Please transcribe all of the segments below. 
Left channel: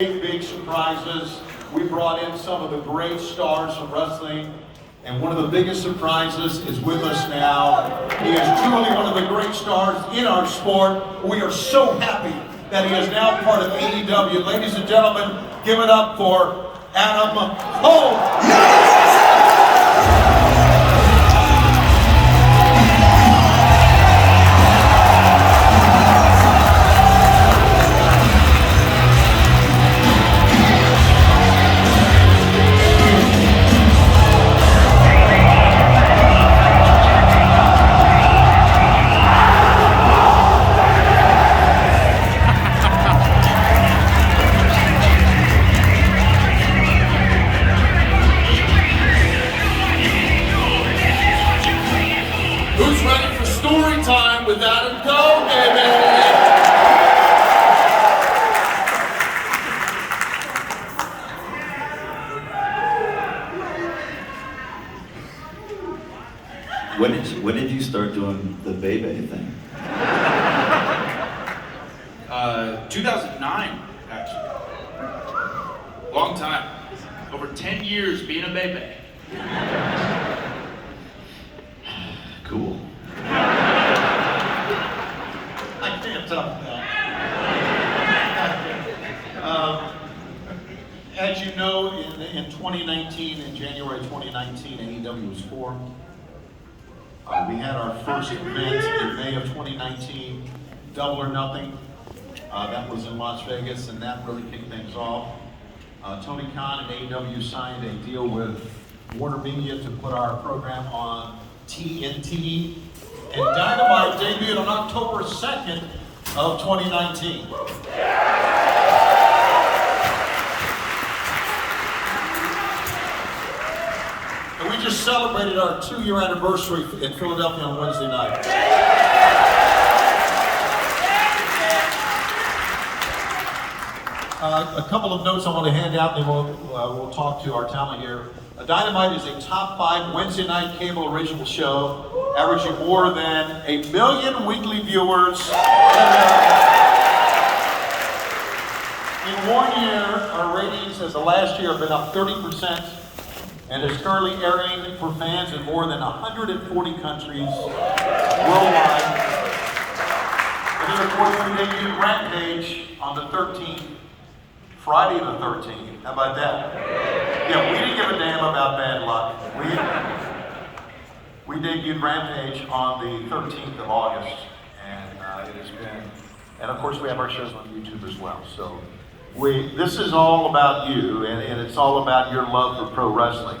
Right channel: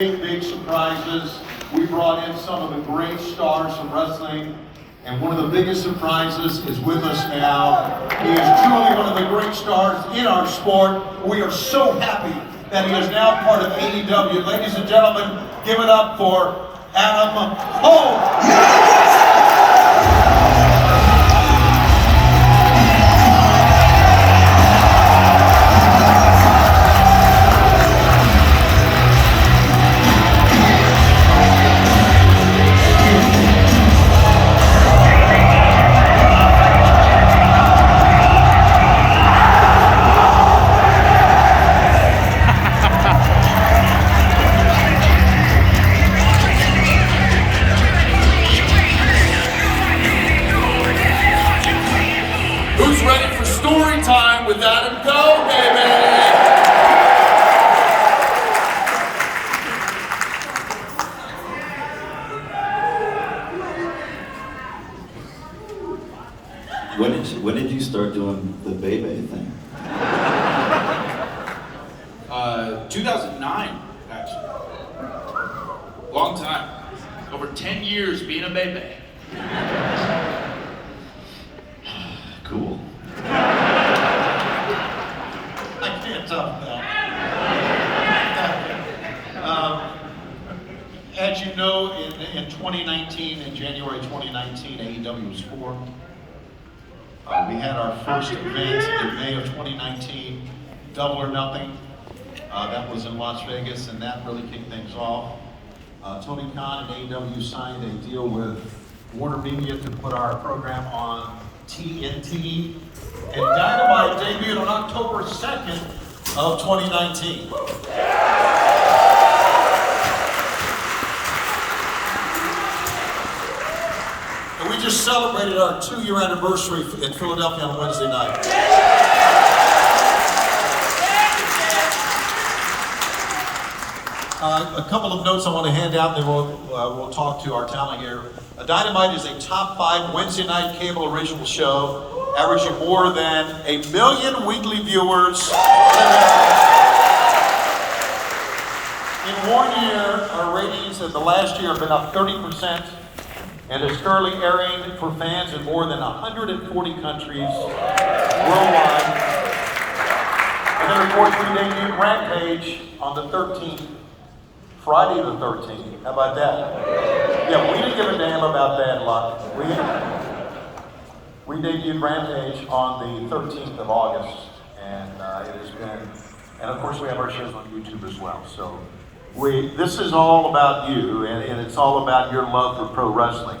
Big surprises. We brought in some of the great stars from wrestling, and one of the biggest surprises is with us now. He is truly one of the great stars in our sport. We are so happy that he is now part of AEW. Ladies and gentlemen, give it up for Adam Cole. Who's ready for story time with Adam Cole, baby? When did you start doing the Bebe thing? 2009, actually. Long time. Over 10 years being a baby. Cool. I can't top that. As you know, in 2019, in January 2019, AEW was formed. We had our first event in May of 2019, Double or Nothing. That was in Las Vegas, and that really kicked things off. Tony Khan and AEW signed a deal with Warner Media to put our program on TNT, and Dynamite debuted on October 2nd of 2019. And we just celebrated our 2-year anniversary in Philadelphia on Wednesday night. A couple of notes I want to hand out, and then we'll talk to our talent here. Dynamite is a top 5 Wednesday night cable original show, averaging more than 1 million weekly viewers in America. In 1 year, our ratings of the last year have been up 30%, and is currently airing for fans in more than 140 countries worldwide. And then, of course, we debuted Rampage on the 13th. Friday the 13th. How about that? Yeah, we didn't give a damn about bad luck. We debuted Rampage on the 13th of August, and it has been, and of course we have our shows on YouTube as well. So this is all about you, and it's all about your love for pro wrestling.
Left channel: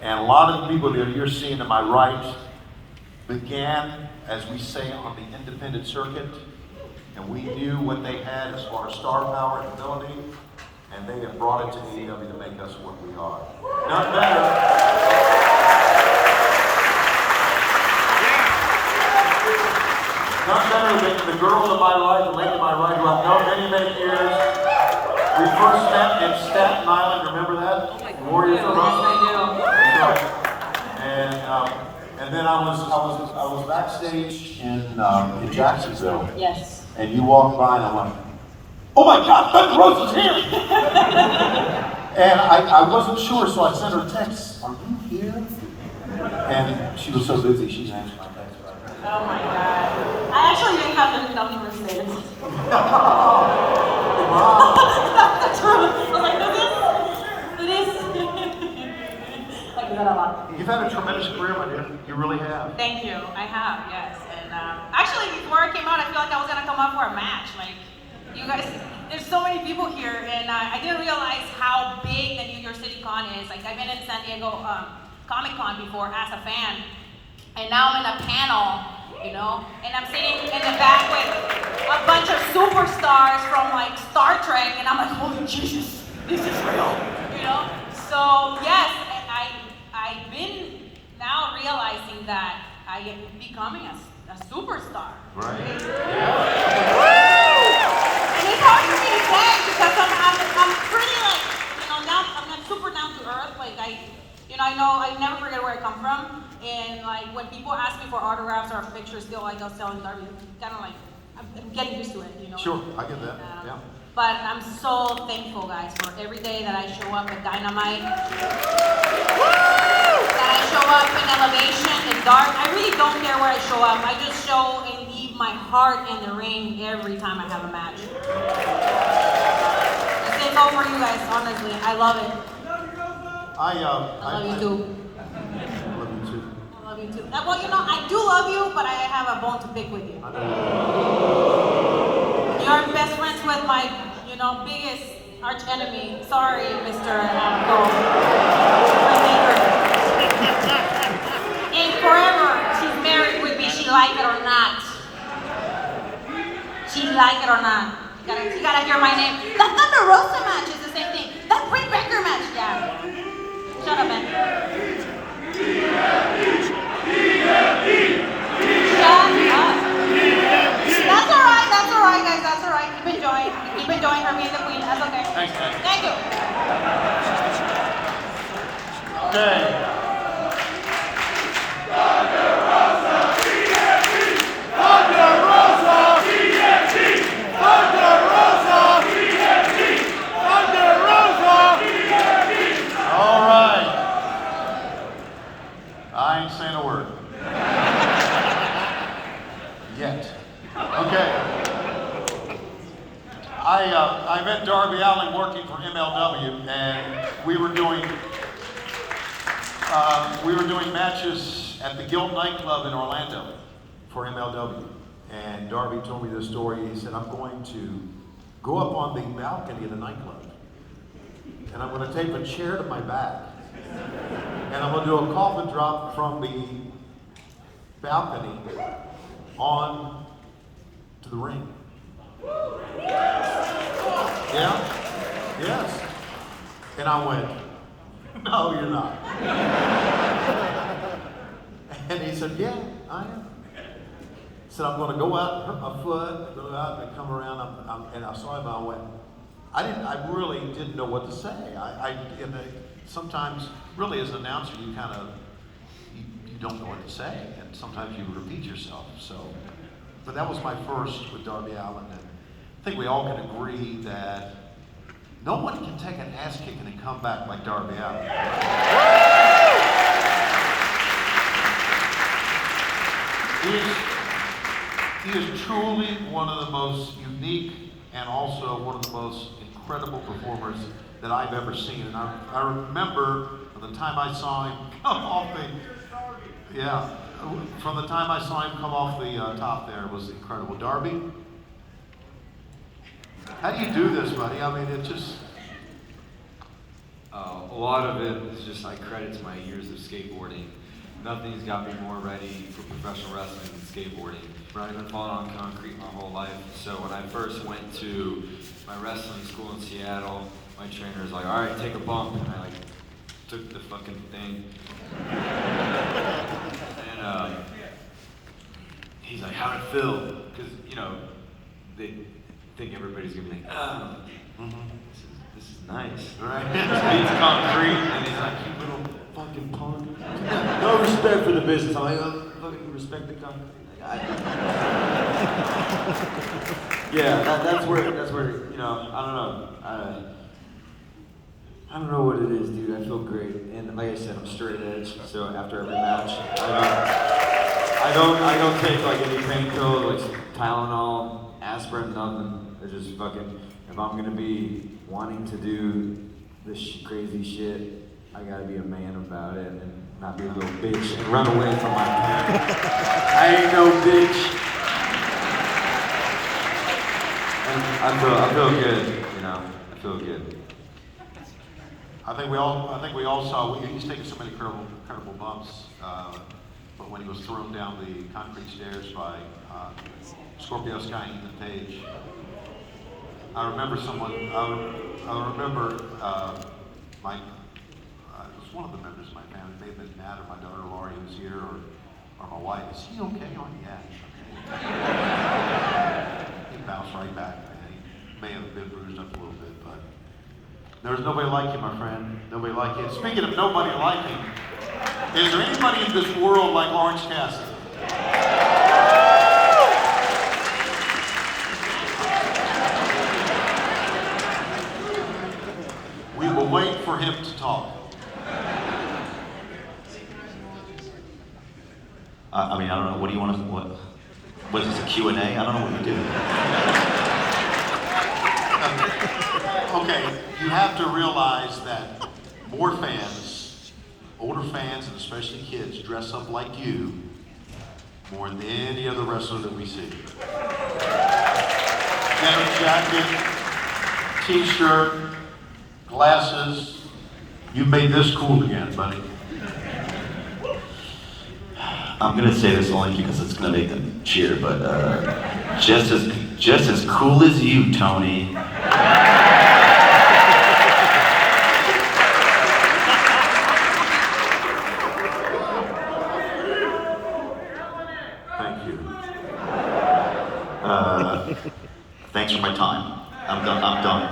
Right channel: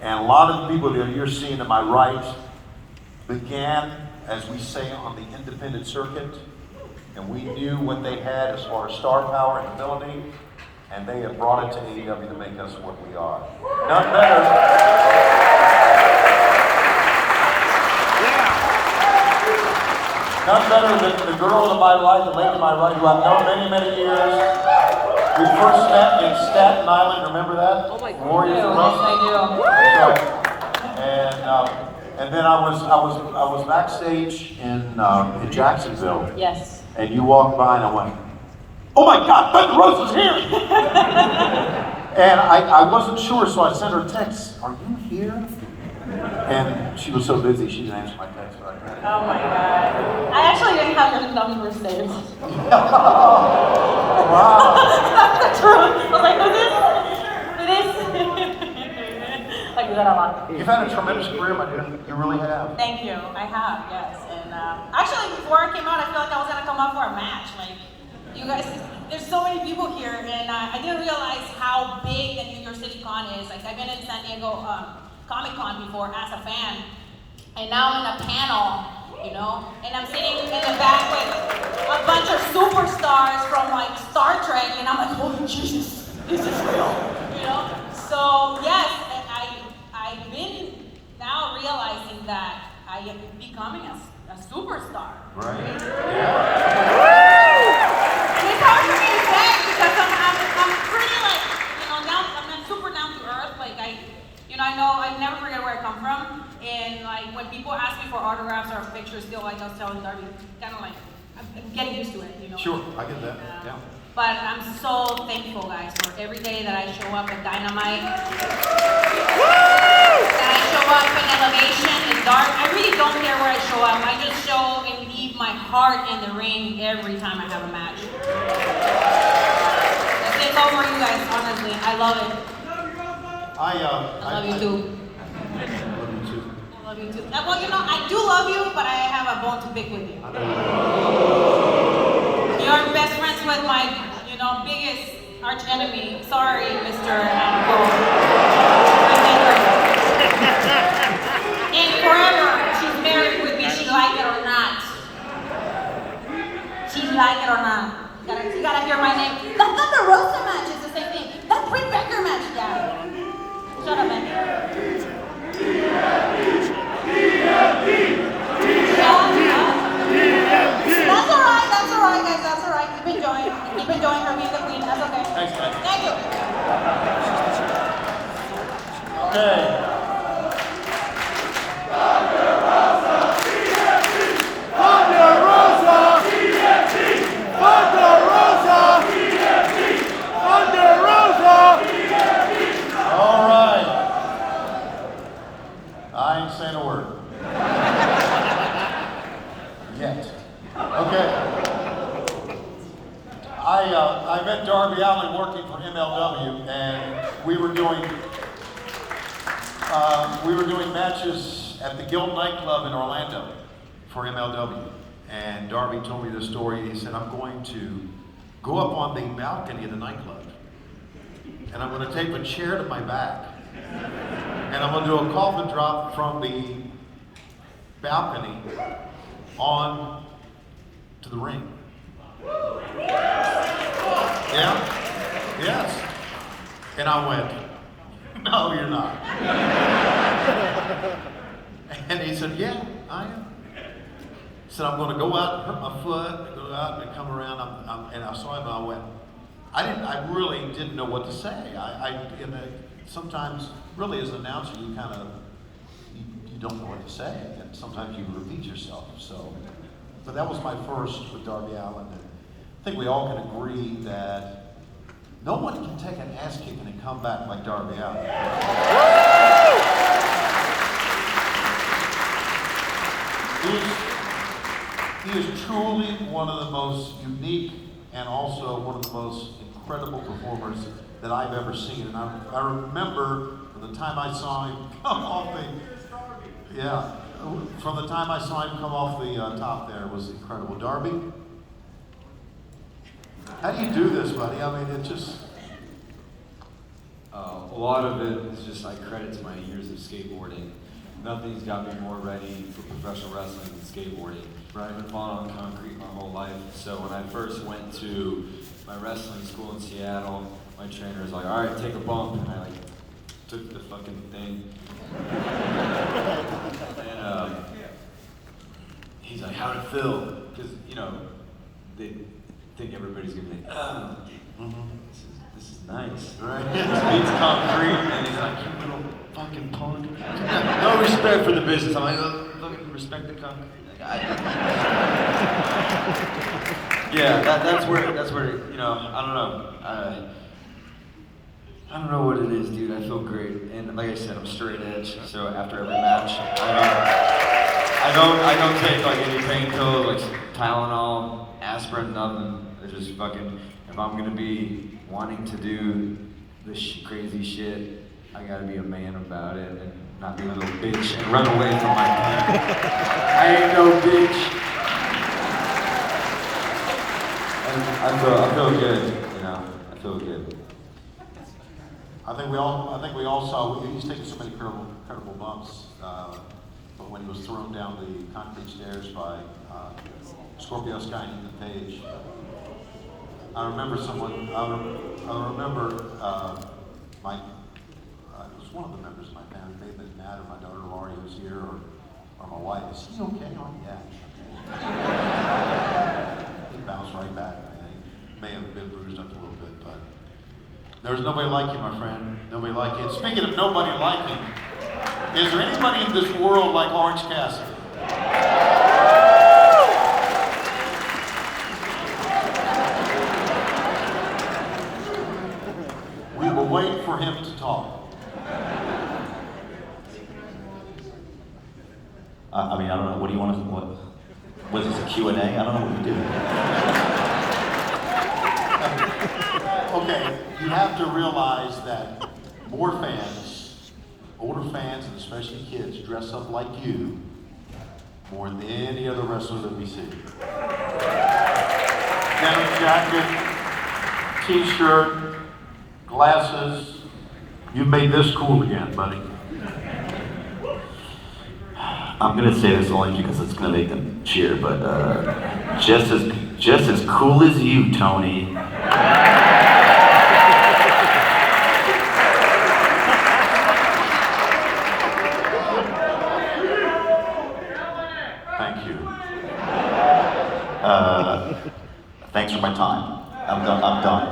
And a lot of the people that you're seeing to my right began, as we say, on the independent circuit, and we knew what they had as far as star power and ability. And they have brought it to AEW to make us what we are. None better. None better than the girl to my right, the lady to my right, who I've known many, many years. We first met in Staten Island, remember that? Oh my Warriors of Wrestling. And then I was backstage in Jacksonville. Yes. And you walked by and I went, "Oh my God, Thunder Rose is here!" And I wasn't sure, so I sent her a text, "Are you here?" And she was so busy, she didn't answer my text. Right? Oh my God. I actually didn't have any numbers saved. Wow. That's the truth. I was like, like, is that a lot? You've had a tremendous career, my dear. You really have. Thank you. I have, yes. And actually, before I came out, I feel like I was going to come out for a match. Like, you guys, there's so many people here, and I didn't realize how big the New York City Con is. Like, I've been in San Diego Comic Con before as a fan, and now I'm in a panel, you know, and I'm sitting in the back with a bunch of superstars from like Star Trek, and I'm like, holy Jesus, this is real, you know? So yes, I've been now realizing that I am becoming a superstar. Right. And it's hard for me to say because I'm pretty like, you know, I'm super down to earth. Like I know I never forget where I come from. And like when people ask me for autographs or pictures, still like I'll tell them, kind of like I'm getting used to it, you know. Sure, I get that. Yeah. But I'm so thankful, guys, for every day that I show up at Dynamite, that I show up in Elevation, in Dark. I really don't care where I show up. I just show and leave my heart in the ring every time I have a match. It's all for you guys, honestly. I love it. I love you too. Love you too. I love you too. Well, you know, I do love you, but I have a bone to pick with you. You're best friends with my, biggest arch enemy. Sorry, Mr. Cole. And forever, she's married with me. She like it or not. She like it or not. You gotta hear my name. That Thunder Rosa match is the same thing. That Britt Baker match, yeah. Shut up, man. Shut up. That's alright, guys. That's alright. Keep enjoying her being the queen. That's okay. Thanks, man. Thank you. Okay. All right. I ain't saying a word. Yet. Okay. I met Darby Allin working for MLW, and we were doing matches at the Guild nightclub in Orlando for MLW. And Darby told me this story. He said, I'm going to go up on the balcony of the nightclub, and I'm going to tape a chair to my back, and I'm going to do a coffin drop from the balcony on to the ring. Yeah? Yes. And I went, no, you're not. And he said, yeah, I am. He said, I'm going to go out and hurt my foot, go out and come around. And I saw him and I went, I really didn't know what to say. Sometimes, really as an announcer, you kind of, you don't know what to say. And sometimes you repeat yourself. So, but that was my first with Darby Allin. And I think we all can agree that no one can take an ass kicking and come back like Darby Allin. He is truly one of the most unique and also one of the most incredible performers that I've ever seen. And I remember from the time I saw him come off from the time I saw him come off the top there, it was incredible. Darby, how do you do this, buddy? I mean, it just... A lot of it is just I credit to my years of skateboarding. Nothing's got me more ready for professional wrestling than skateboarding. Right. I've been falling on concrete my whole life. So when I first went to my wrestling school in Seattle, my trainer was like, all right, take a bump. And I took the fucking thing. And he's like, how'd it feel? Because, they think everybody's gonna be like, oh, this is nice, right? This beats concrete, and it's like, you little fucking punk. No respect for the business. I'm like, oh, fucking respect the concrete. Yeah, that's where, I don't know. I don't know what it is, dude. I feel great, and like I said, I'm straight edge. So after every match, I don't take any pain pills, Tylenol, aspirin, nothing. It's just fucking. If I'm gonna be wanting to do this crazy shit, I gotta be a man about it and not be a little bitch and run away from my pain. I ain't no bitch. And I feel good. I feel good. I think we all saw. He's taken so many incredible bumps, but when he was thrown down the concrete stairs by Scorpio Sky and Ethan Page, I remember it was one of the members of my family. May have been Matt or my daughter Laurie who was here, or my wife. Is he okay? Oh yeah, he's okay. He bounced right back. He may have been bruised up a little bit, but there's nobody like you, my friend. Nobody like you. Speaking of nobody liking, is there anybody in this world like Orange Cassidy? We will wait for him to talk. I mean, I don't know. What do you want to? What is this, a Q&A? I don't know what you do. Okay, you have to realize that more fans, older fans, and especially kids, dress up like you more than any other wrestler that we see. Denim jacket, t-shirt, glasses. You've made this cool again, buddy. I'm gonna say this only because it's gonna make them cheer, but just as cool as you, Tony. Thank you. Thanks for my time. I'm done talking.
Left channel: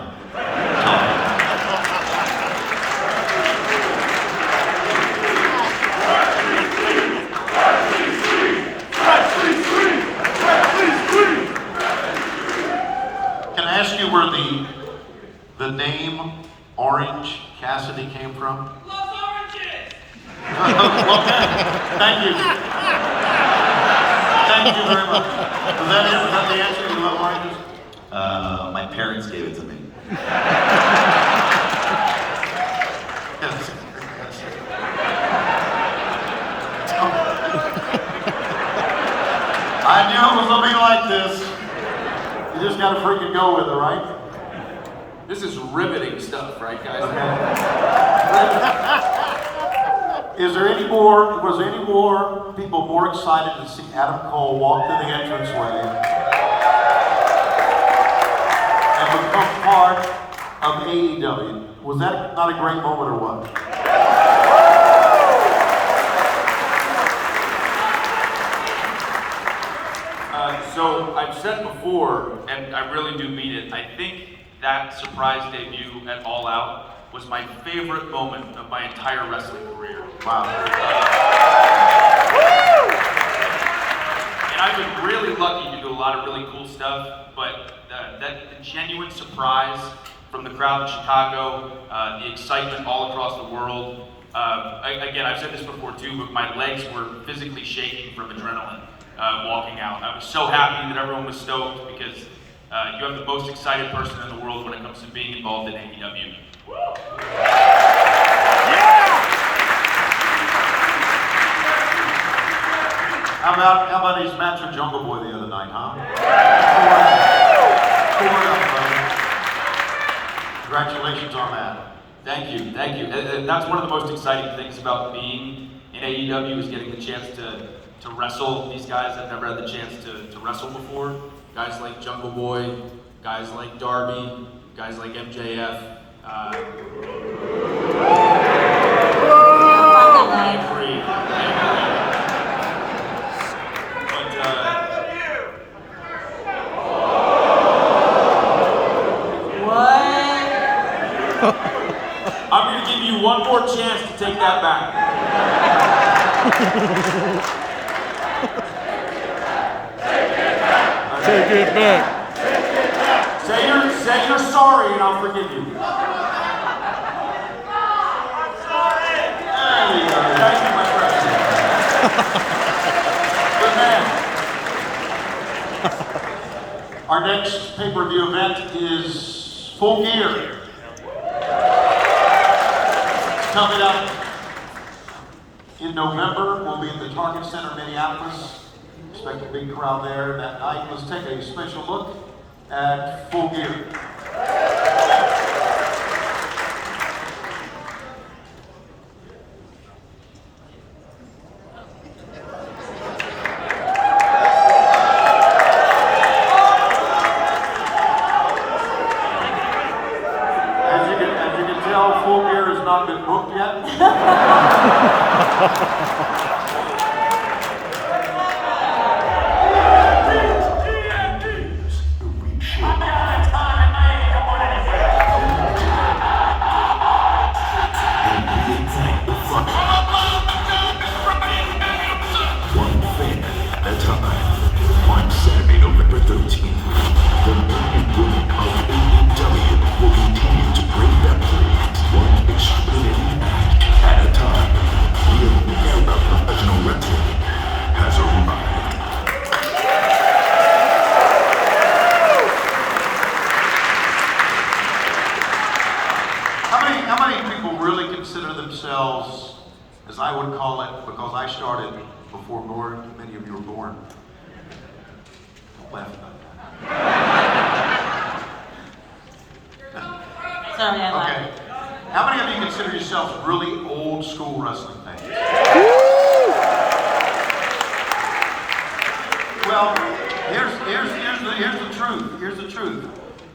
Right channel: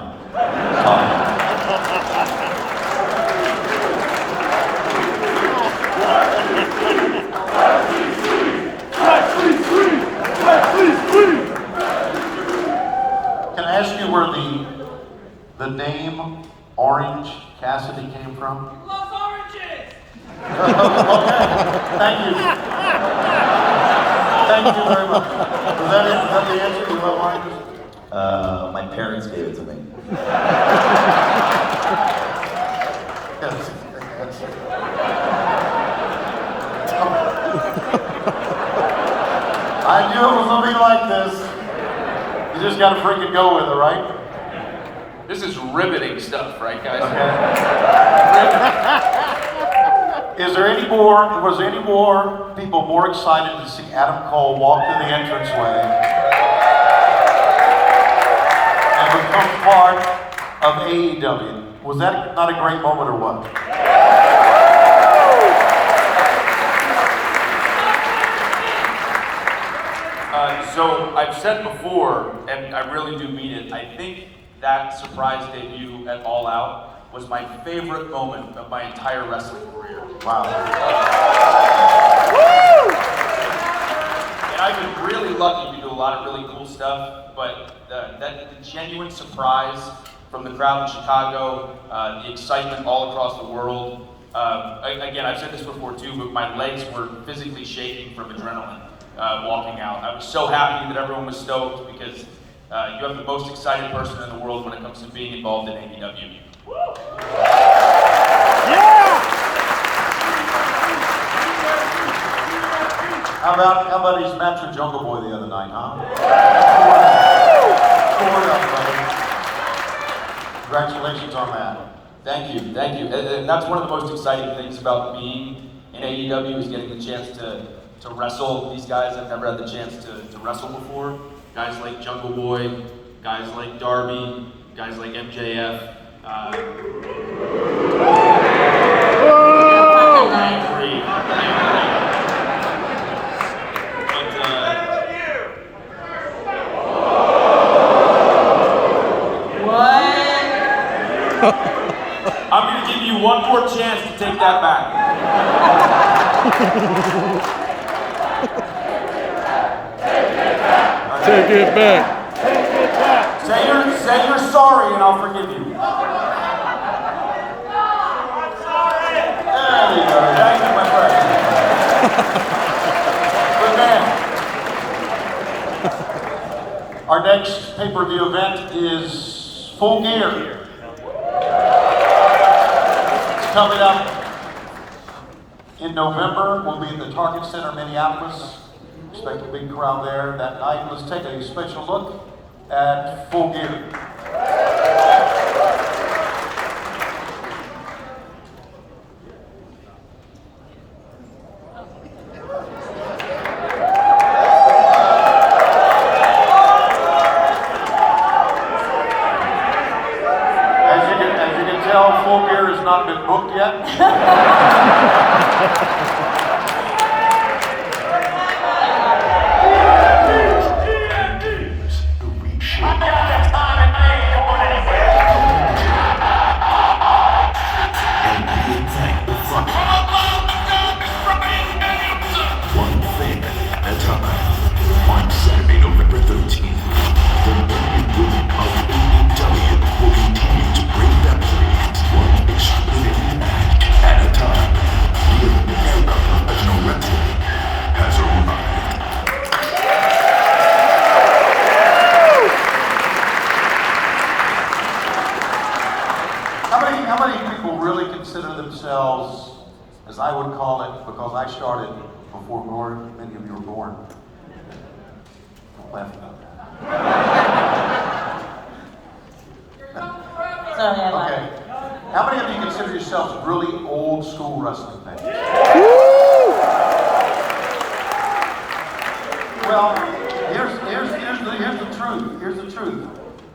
Can I ask you where the name Orange Cassidy came from? Loves oranges! Okay, thank you. Thank you very much. Was that the answer? You love oranges? My parents gave it to me. Yes. I knew it was gonna be like this. You just gotta freaking go with it, right? This is riveting stuff, right, guys? Was there any more people more excited to see Adam Cole walk through the entranceway and become part of AEW? Was that not a great moment or what? So I've said before, and I really do mean it, I think that surprise debut at All Out was my favorite moment of my entire wrestling career. Wow. And I've been really lucky to do a lot of really cool stuff, but the genuine surprise from the crowd in Chicago, the excitement all across the world. Again, I've said this before too, but my legs were physically shaking from adrenaline walking out. I was so happy that everyone was stoked because you have the most excited person in the world when it comes to being involved in AEW. How about his match with Jungle Boy the other night, huh? Poured up, brother. Congratulations on that. Thank you. And that's one of the most exciting things about being in AEW is getting the chance to wrestle these guys I've never had the chance to wrestle before. Guys like Jungle Boy, guys like Darby, guys like MJF. I'm going to give you one more chance to take that back. Take it back. Say you're sorry and I'll forgive you. There you go. Thank you, my friend. Good man. Our next pay-per-view event is Full Gear. It's coming up in November. We'll be at the Target Center, Minneapolis. Expect a big crowd there that night. Let's take a special look at Full Gear. As you can tell, Full Gear has not been booked yet. One thing at a time. On Saturday, November 13th, the men and women of AEW will continue to break boundaries How many people really consider themselves, as I would call it, because I started before many of you were born? Don't laugh about that. Sorry, I lied. Okay. How many of you consider yourselves really old school wrestling fans? Well, here's the truth. Here's the truth.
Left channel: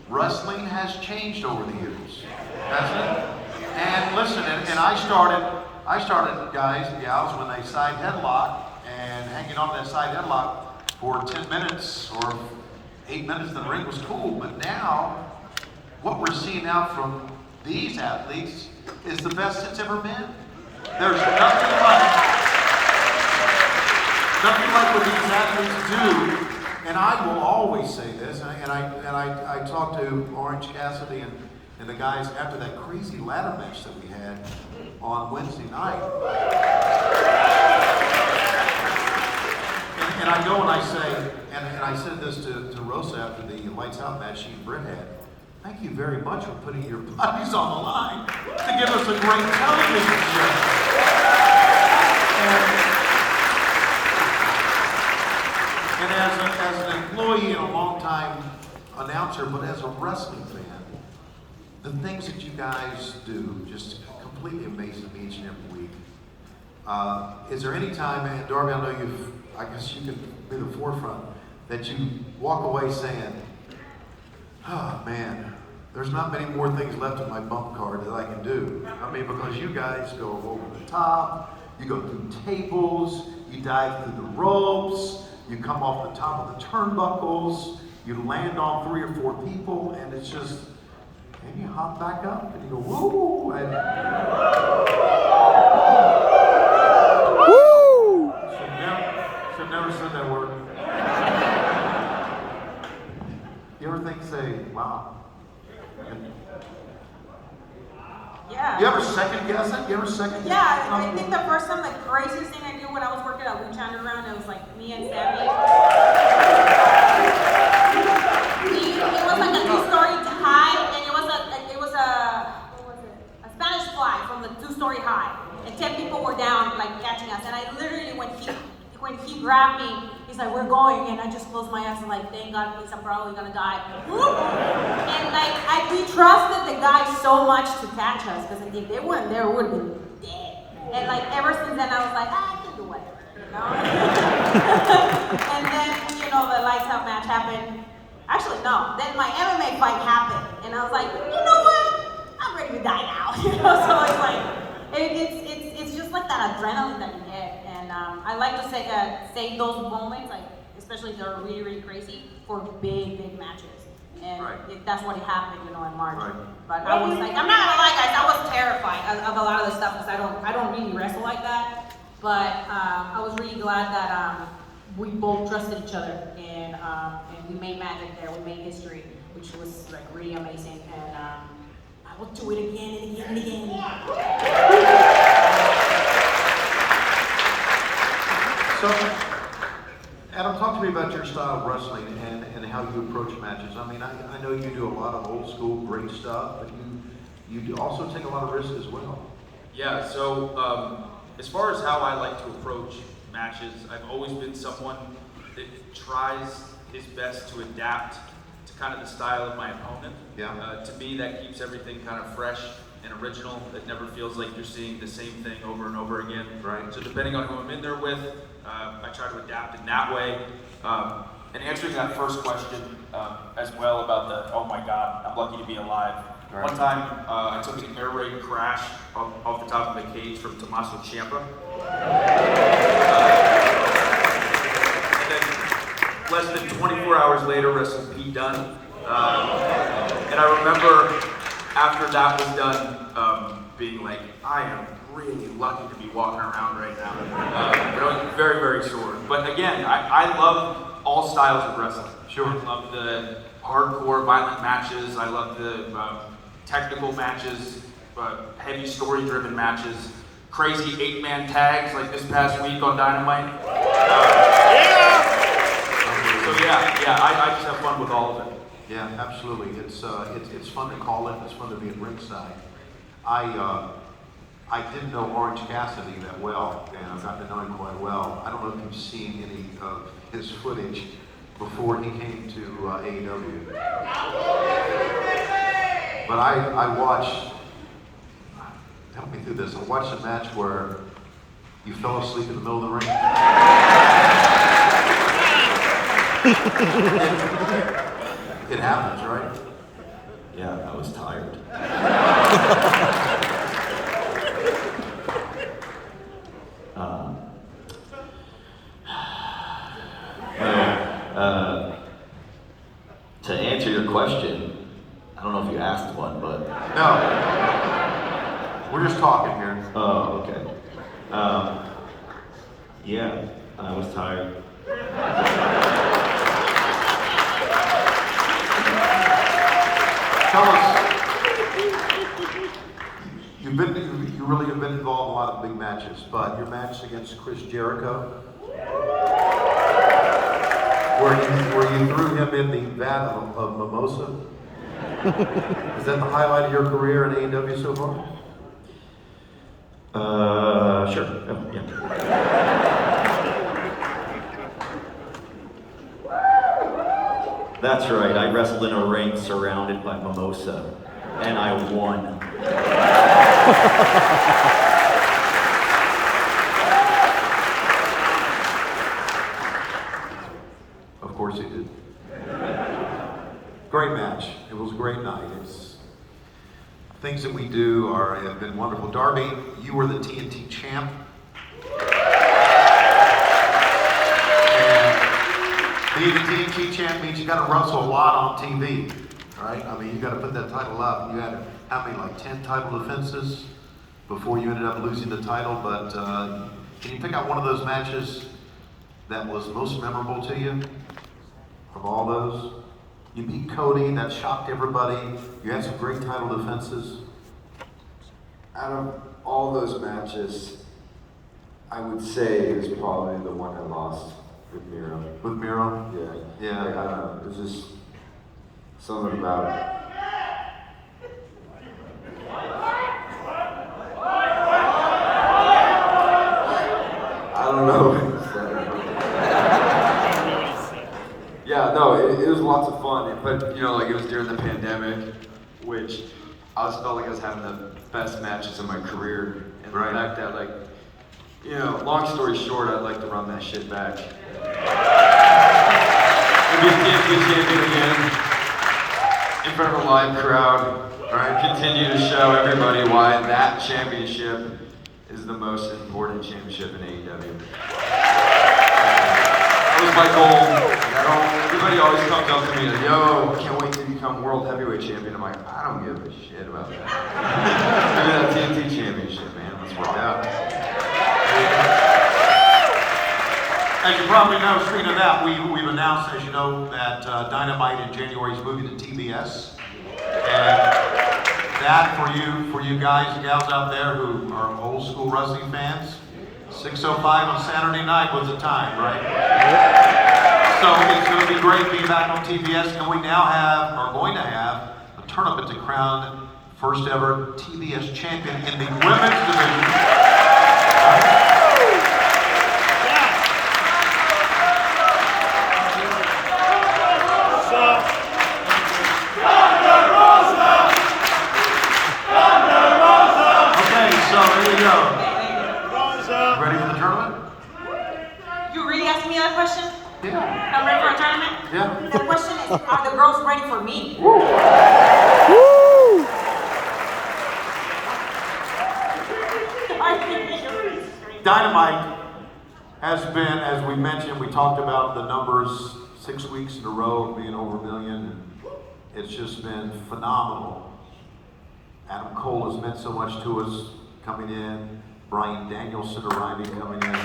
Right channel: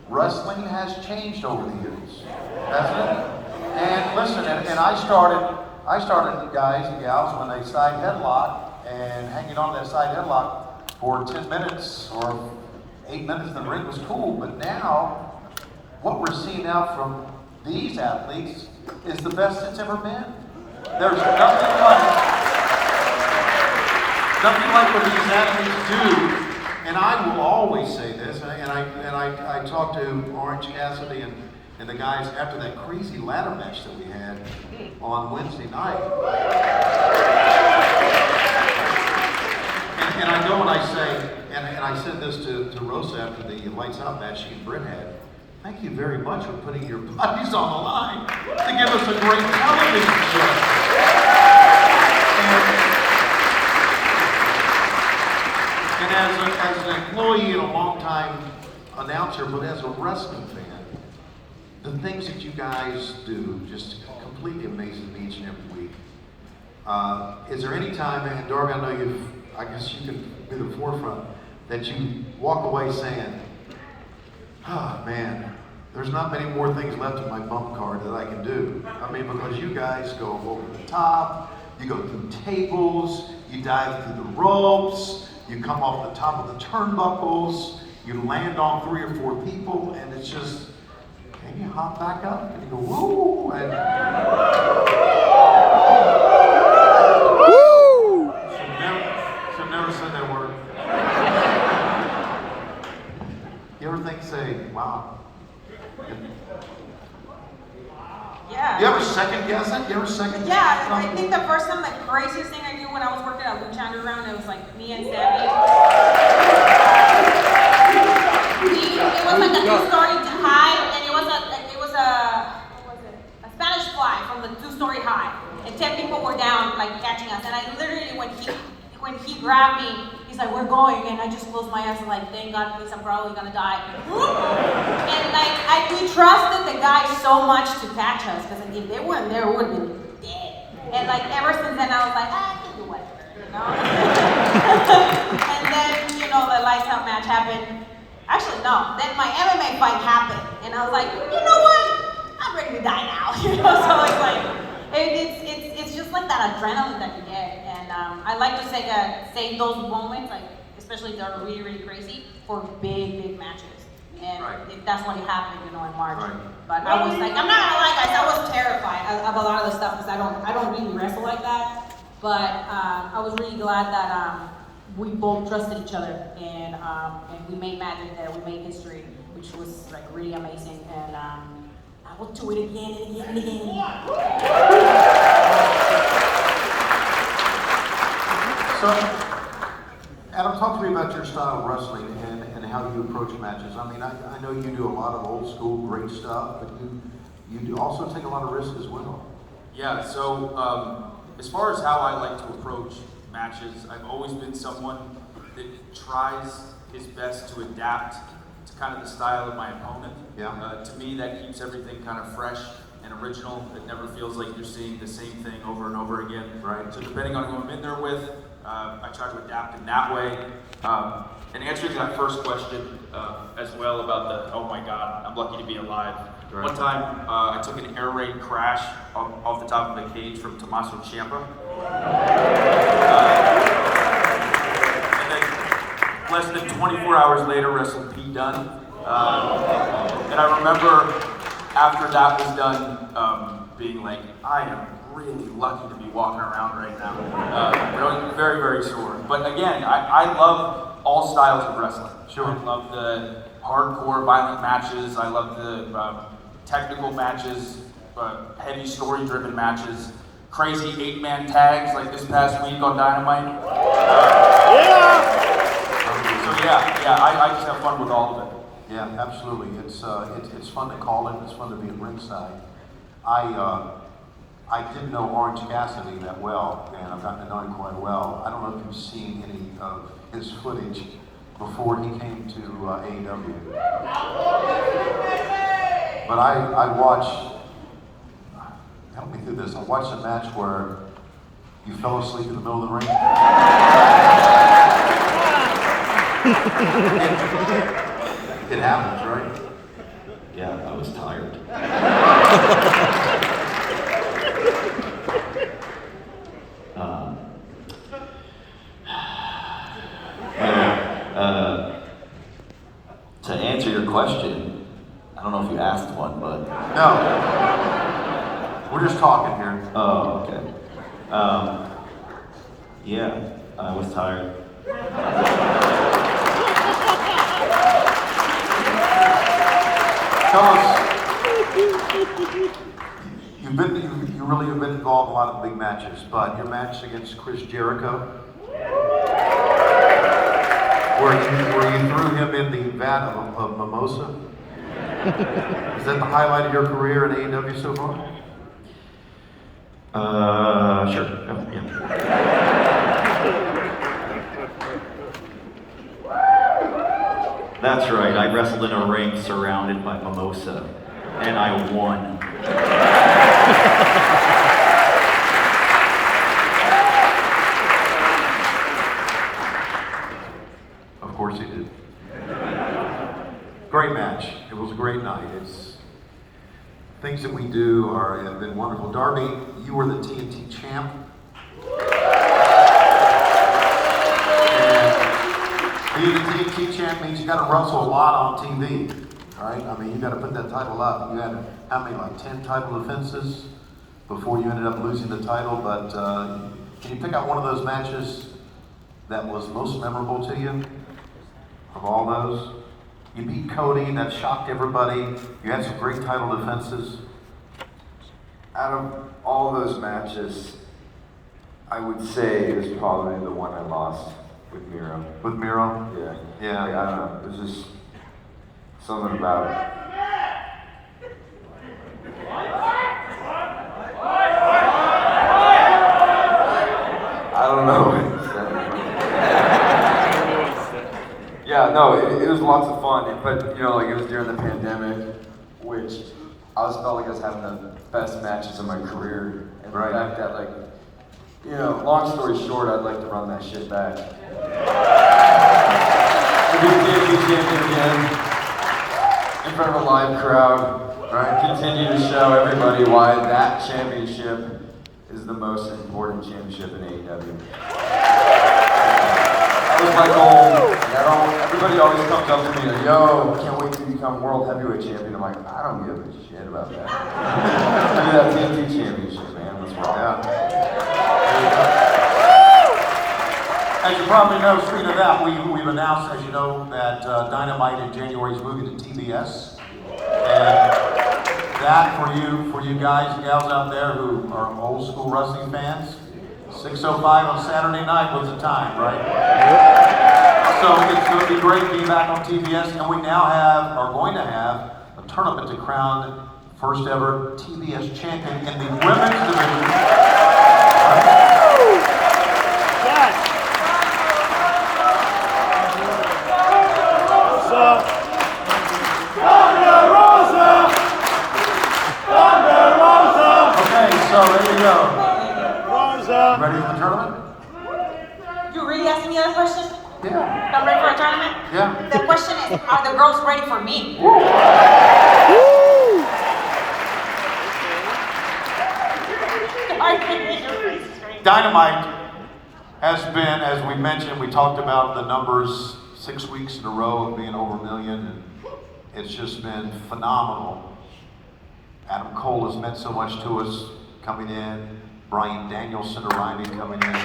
Wrestling has changed over the years, hasn't it? And listen, and I started, guys and gals, when they side headlock and hanging on to that side headlock for 10 minutes or 8 minutes in the ring was cool. But now, what we're seeing now from these athletes is the best it's ever been. There's nothing like what these athletes do. And I will always say this, and I talked to Orange Cassidy and the guys after that crazy ladder match that we had on Wednesday night. And I go and I say, and I said this to Rosa after the Lights Out match she and Britt had. Thank you very much for putting your bodies on the line to give us a great television show. And as an employee and a longtime announcer, but as a wrestling fan, the things that you guys do just completely amazing me each and every week. Is there any time, and Darby, I guess you can be the forefront, that you walk away saying, oh man, there's not many more things left in my bump card that I can do. I mean, because you guys go over the top, you go through tables, you dive through the ropes, you come off the top of the turnbuckles, you land on 3 or 4 people, and it's just, and you hop back up, and you go, woo! And woo! Should never said that word. You ever think, say, wow. Yeah. You ever second guess it? You ever second guess it? Yeah, I think the first time, the craziest thing I did when I was working at Lucha Underground, it was like me and Sammy. It was like a 2-story high, and it was a Spanish fly from the 2-story high, and 10 people were down, like catching us, and I literally, when he grabbed me, he's like, we're going, and I just closed my eyes and like, thank God, please, I'm probably gonna die. And like, we trusted the guys so much to catch us, because if they weren't there, we would have been dead. And like, ever since then, I was like, I can do whatever, you know? And then, you know, the Lights Out match happened. Actually, no, then my MMA fight happened, and I was like, you know what? I'm ready to die now, you know? So it's like, it's just like that adrenaline that you get, and I like to say that save those moments, like especially that are really, really crazy, for big matches, and that's what happened, you know, in March. Right. But I was like, I'm not gonna lie, guys, I was terrified of a lot of the stuff because I don't really wrestle like that. But I was really glad that we both trusted each other, and we made magic there. We made history, which was like really amazing, and I will do it again and again and again. So, Adam, talk to me about your style of wrestling and how you approach matches. I mean, I know you do a lot of old school great stuff, but you also take a lot of risks as well. Yeah, so as far as how I like to approach matches, I've always been someone that tries his best to adapt to kind of the style of my opponent. Yeah. To me, that keeps everything kind of fresh and original. It never feels like you're seeing the same thing over and over again. Right. So depending on who I'm in there with, I try to adapt in that way. And answering that first question as well about the, oh my God, I'm lucky to be alive. Right. One time, I took an air raid crash off the top of the cage from Tommaso Ciampa. Less than 24 hours later, wrestled Pete Dunne. And I remember after that was done, being like, I am really lucky to be walking around right now. But I was very, very sore. But again, I love all styles of wrestling. Sure. I love the hardcore, violent matches. I love the technical matches, heavy story-driven matches, crazy 8-man tags like this past week on Dynamite. So I just have fun with all of it. Yeah, absolutely. It's fun to call it. It's fun to be at ringside. I didn't know Orange Cassidy that well, and I've gotten to know him quite well. I don't know if you've seen any of his footage before he came to AEW. But I watched, help me through this, I watched a match where you fell asleep in the middle of the ring. It happens, right? Yeah, I was tired. To answer your question, I don't know if you asked one, but... No. We're just talking here. Oh, okay. Yeah, I was tired. Tell us, you really have been involved in a lot of big matches, but your match against Chris Jericho, where you threw him in the vat of mimosa, is that the highlight of your career in AEW so far? Sure. Yeah. That's right, I wrestled in a ring surrounded by mimosa, and I won. Of course he did. Great match. It was a great night. It's things that we do have been wonderful. Darby, you were the TNT champ. Being the TNT champ means you got to wrestle a lot on TV, right? I mean, you got to put that title up. You had, how many, like 10 title defenses before you ended up losing the title, but can you pick out one of those matches that was most memorable to you from all those? You beat Cody, that shocked everybody. You had some great title defenses. Out of all those matches, I would say it was probably the one I lost with Miro. With Miro? Yeah. I don't know. It was just something about it. I don't know. Yeah, no, it was lots of fun, but you know, like it was during the pandemic, which I felt like I was having the best matches of my career, and the fact that, like, you know, long story short, I'd like to run that shit back. Be champion again in front of a live crowd, right? Continue to show everybody why that championship is the most important championship in AEW. That was my goal. And everybody always comes up to me like, yo, can't wait to become world heavyweight champion. I'm like, I don't give a shit about that. Give me that TNT championship, man. Let's rock. Yeah. There you go. As you probably know, speaking of that, we've announced, as you know, that Dynamite in January is moving to TBS. And that, for you guys and gals out there who are old school wrestling fans, 6:05 on Saturday night was the time, right? Yep. So it's going to be great being back on TBS, and we now are going to have a tournament to crown first ever TBS champion in the women's division. Right? So there you go. Ready for the tournament? You really asking me that question? Yeah. If I'm ready for a tournament? Yeah. The question is, are the girls ready for me? Woo. Dynamite has been, as we mentioned, we talked about the numbers 6 weeks in a row of being over 1 million. And it's just been phenomenal. Adam Cole has meant so much to us coming in. Bryan Danielson arriving, coming in.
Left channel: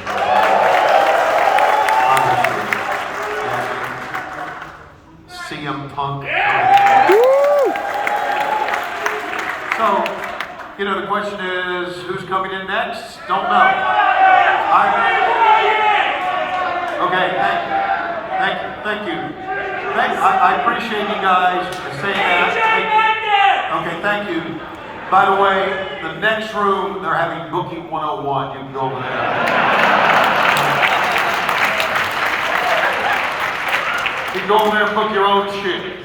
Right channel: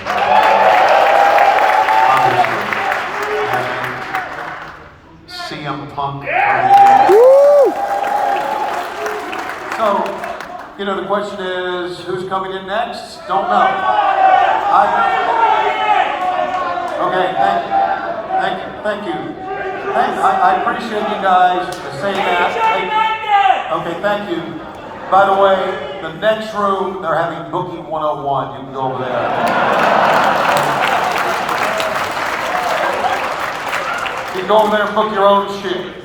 And CM Punk coming in. So, you know, the question is, who's coming in next? Don't know. Okay, thank you. I appreciate you guys saying that. Okay, thank you. By the way, the next room, they're having Booking 101. You can go over there. You can go over there and book your own shit.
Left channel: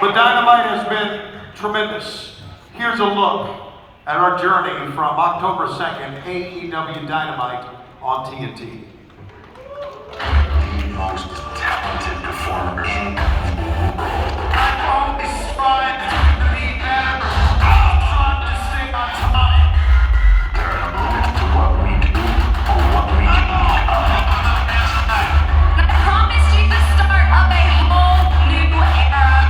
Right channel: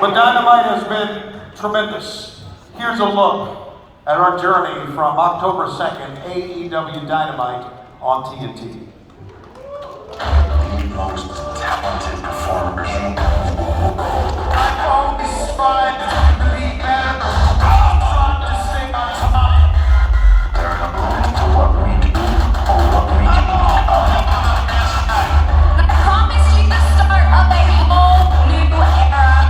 But Dynamite has been tremendous. Here's a look at our journey from October 2nd, AEW Dynamite on TNT. The most talented performers. I've always tried to be better. I'm trying to stay on top. They're in a mood for what we do, or what we do. I promise you the start of a whole new era.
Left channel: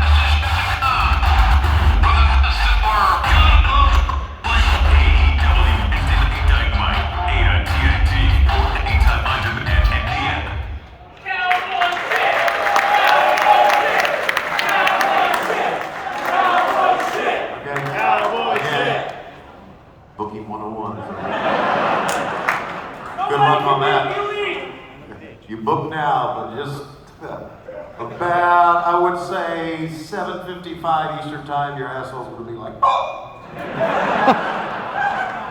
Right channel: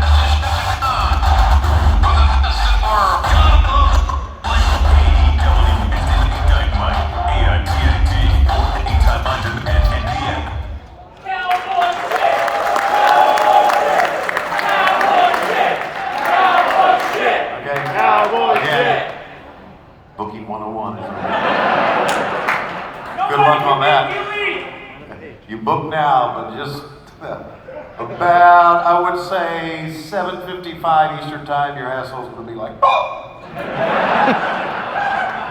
Dynamite, AITNT, or anytime on demand and DM. Again, Booking 101. Good luck on that. You book now, but just about, I would say, 7:55 Eastern Time, your asshole's gonna be like, oh!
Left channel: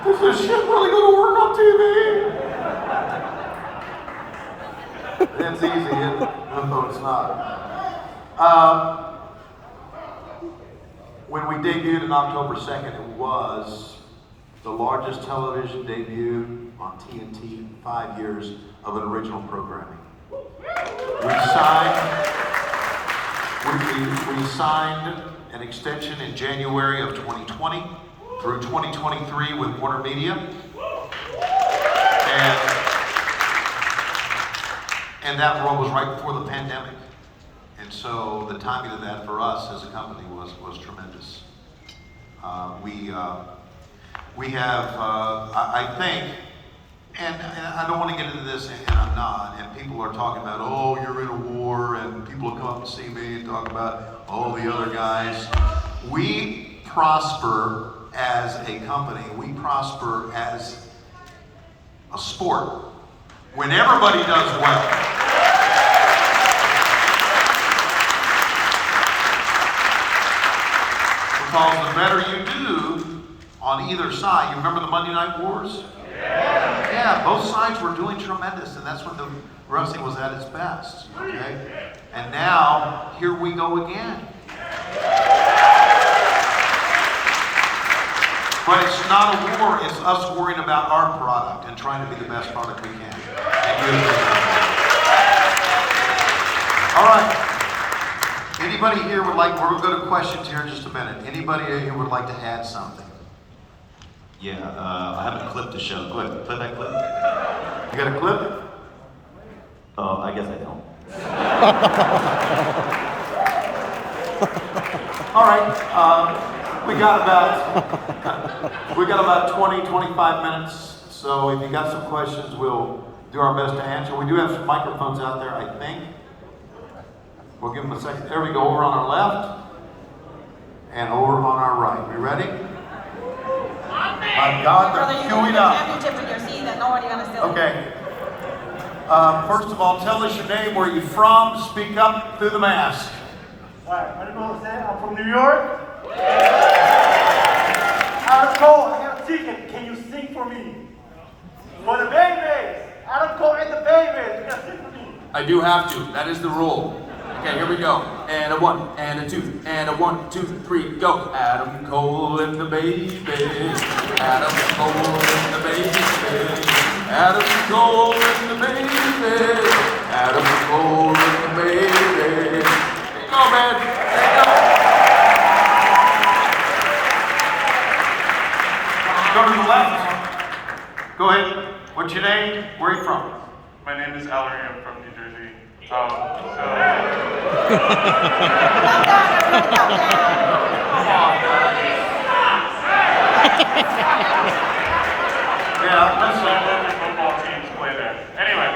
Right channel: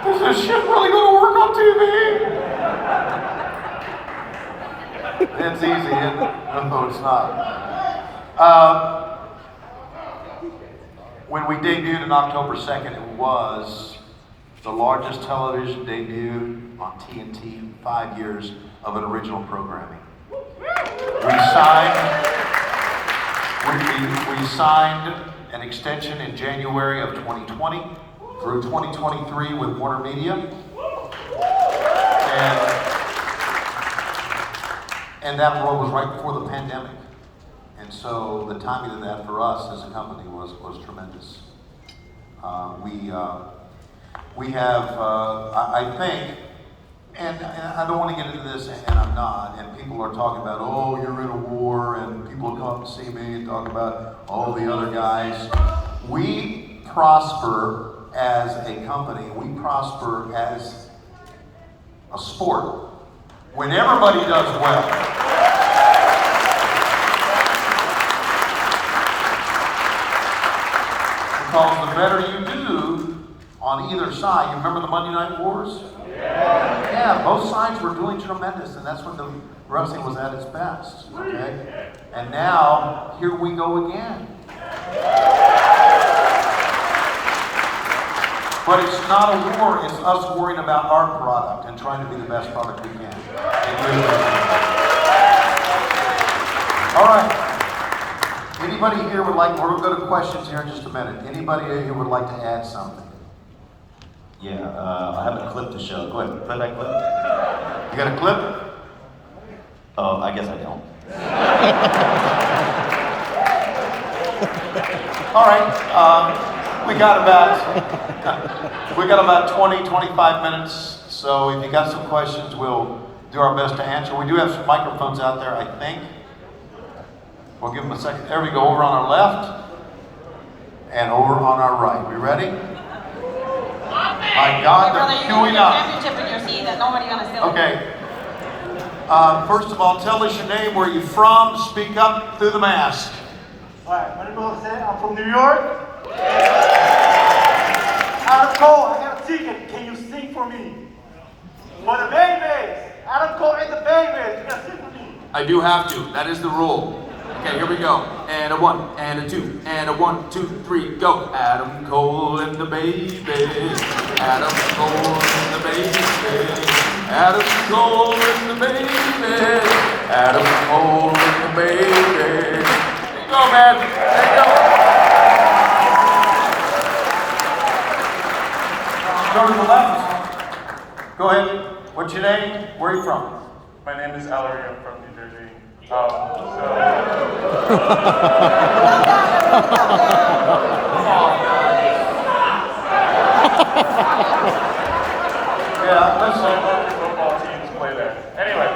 Is this shit really gonna work on TV? It's easy, isn't it? No, it's not. When we debuted on October 2nd, it was the largest television debut on TNT, 5 years of an original programming. We signed an extension in January of 2020 through 2023 with Warner Media. And that role was right before the pandemic. And so the timing of that for us as a company was tremendous. We have, I think, and I don't want to get into this, and I'm not, and people are talking about, oh, you're in a war, and people will come up and see me and talk about all the other guys. We prosper as a company, we prosper as a sport when everybody does well. Because the better you do on either side, you remember the Monday Night Wars? Yeah, both sides were doing tremendous, and that's when the wrestling was at its best, okay? And now, here we go again. But it's not a war, it's us worrying about our product and trying to be the best product we can. And you're the best. All right. Anybody here would like, we're going to go to questions here in just a minute. Anybody here would like to add something? Yeah, I have a clip to show. Go ahead, play that clip. You got a clip? I guess I don't. All right. We got about 20, 25 minutes. So if you got some questions, we'll do our best to answer. We do have some microphones out there, I think. We'll give them a second. There we go, over on our left and over on our right. You ready? My God, Brother, they're you can queuing put up. your championship in your seat that nobody's gonna steal. Okay. First of all, tell us your name, where you from, speak up through the mask. Alright, my name is Jose. I'm from New York. Adam Cole, I have a secret. Can you sing for me? For the babies. Adam Cole and the babies. You gotta sing for me. I do have to. That is the rule. Okay, here we go. And a 1, and a 2, and a 1, 2, 3, go. Adam Cole and the baby. Adam Cole and the baby. Adam Cole and the baby. Adam Cole and the baby. There you go, man. There you Go to the left. Go ahead. What's your name? Where are you from? My name is Ellery. I'm from New Jersey. Calm down, everybody, calm down. Come on, guys. Yeah, listen. Both your football teams play there. Anyway,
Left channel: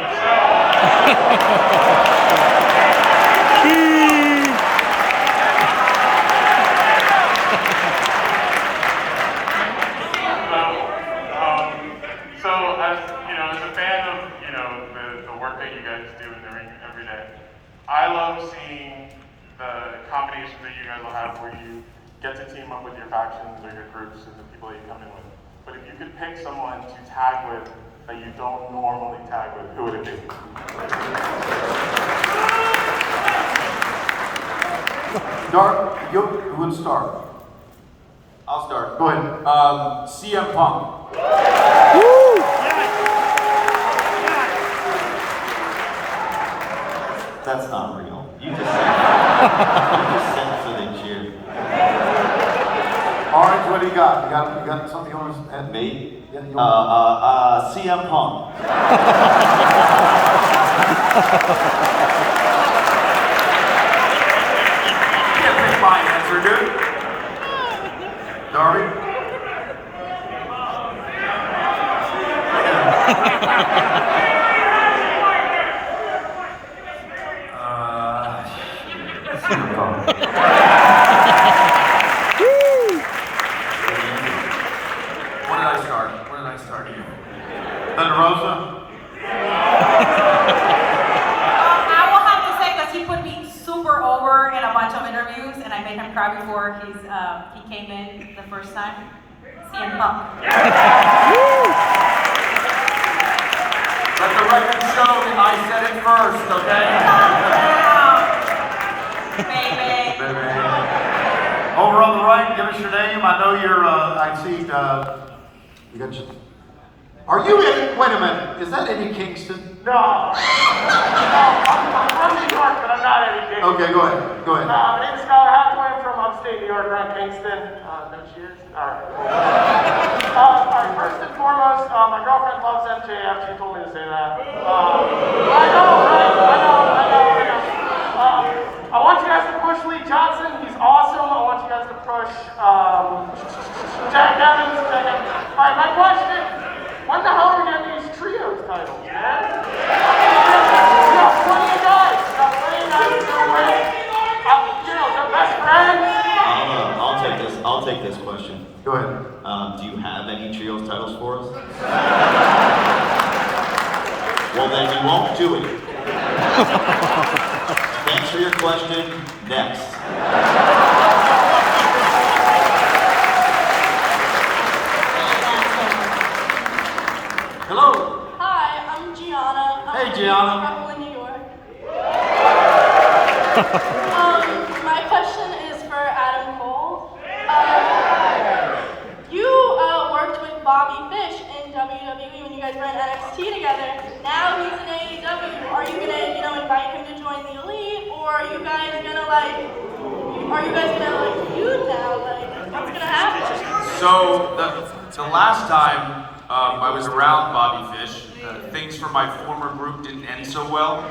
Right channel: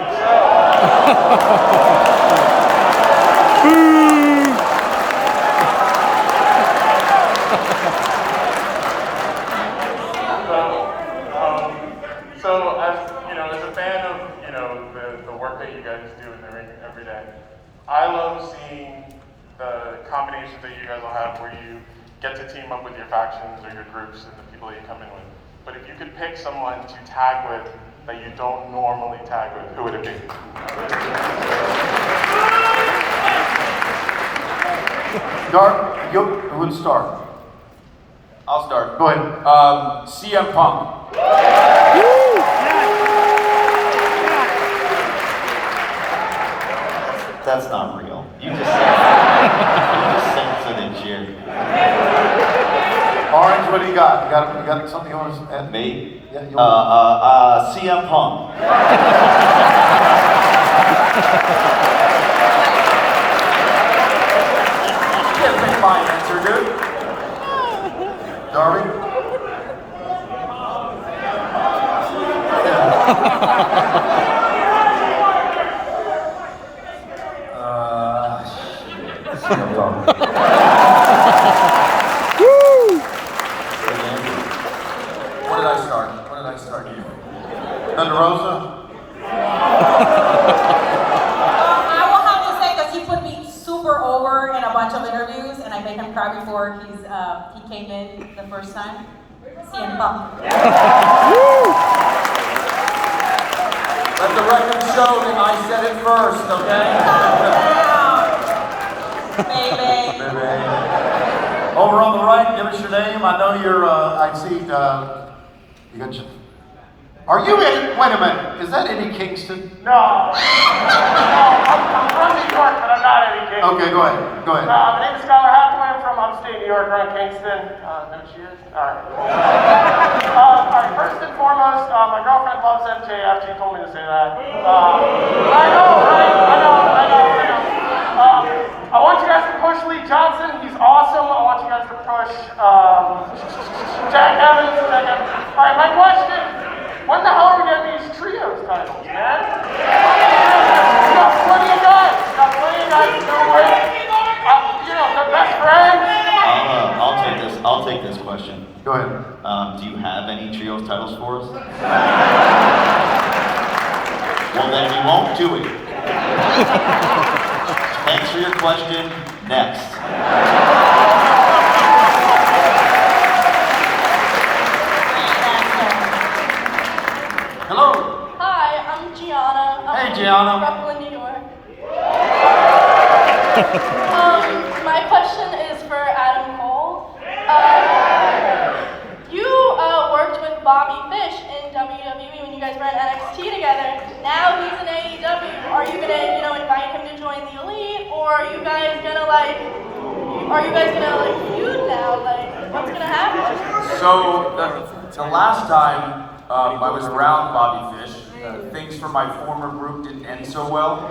so as you know, as a fan of the work that you guys do in the ring every day, I love seeing the combinations that you guys will have where you get to team up with your factions or your groups and the people that you come in with. But if you could pick someone to tag with that you don't normally tag with, who would it be? Who would start? I'll start. Go ahead. CM Punk. That's not real. You just said something in cheer. Orange, what do you got? You got something you want to add? Me? Yeah, you want CM Punk. You can't pick my answer, dude. Darby? CM Punk. What did I start? What did I start here? Thunder Rosa? I will have to say, because he put me super over in a bunch of interviews, and I made him cry before he came in the first time. CM Punk. Let the record show that I said it first, okay? Baby. Over on the right, give us your name. I know you're, I see, you got your... Are you Eddie? Wait a minute. Is that Eddie Kingston? No. I'm from New York, but I'm not Eddie Kingston. Okay, go ahead. Go ahead. My name's Skylar Hathaway. I'm from upstate New York, around Kingston. No cheers? Alright. Alright, first and foremost, my girlfriend loves MJF. She told me to say that. I know, right? I know. I want you guys to push Lee Johnson. He's awesome. I want you guys to push Jack Evans. Alright, my question. When the hell are we getting these trios titles, man? You got plenty of guys. You got plenty of guys to do it. You know, they're best friends. I'll take this question. Go ahead. Do you have any trios titles for us? Well, then we won't do it. Thanks for your question. Next. Hello. Hi, I'm Gianna. Hey, Gianna. I'm from Brooklyn, New York. My question is for Adam Cole. You worked with Bobby Fish in WWE when you guys were in NXT together. Now he's in AEW. Are you gonna, invite him to join the Elite, or are you guys gonna feud now? What's gonna happen? So the last time I was around Bobby Fish, things for my former group didn't end so well.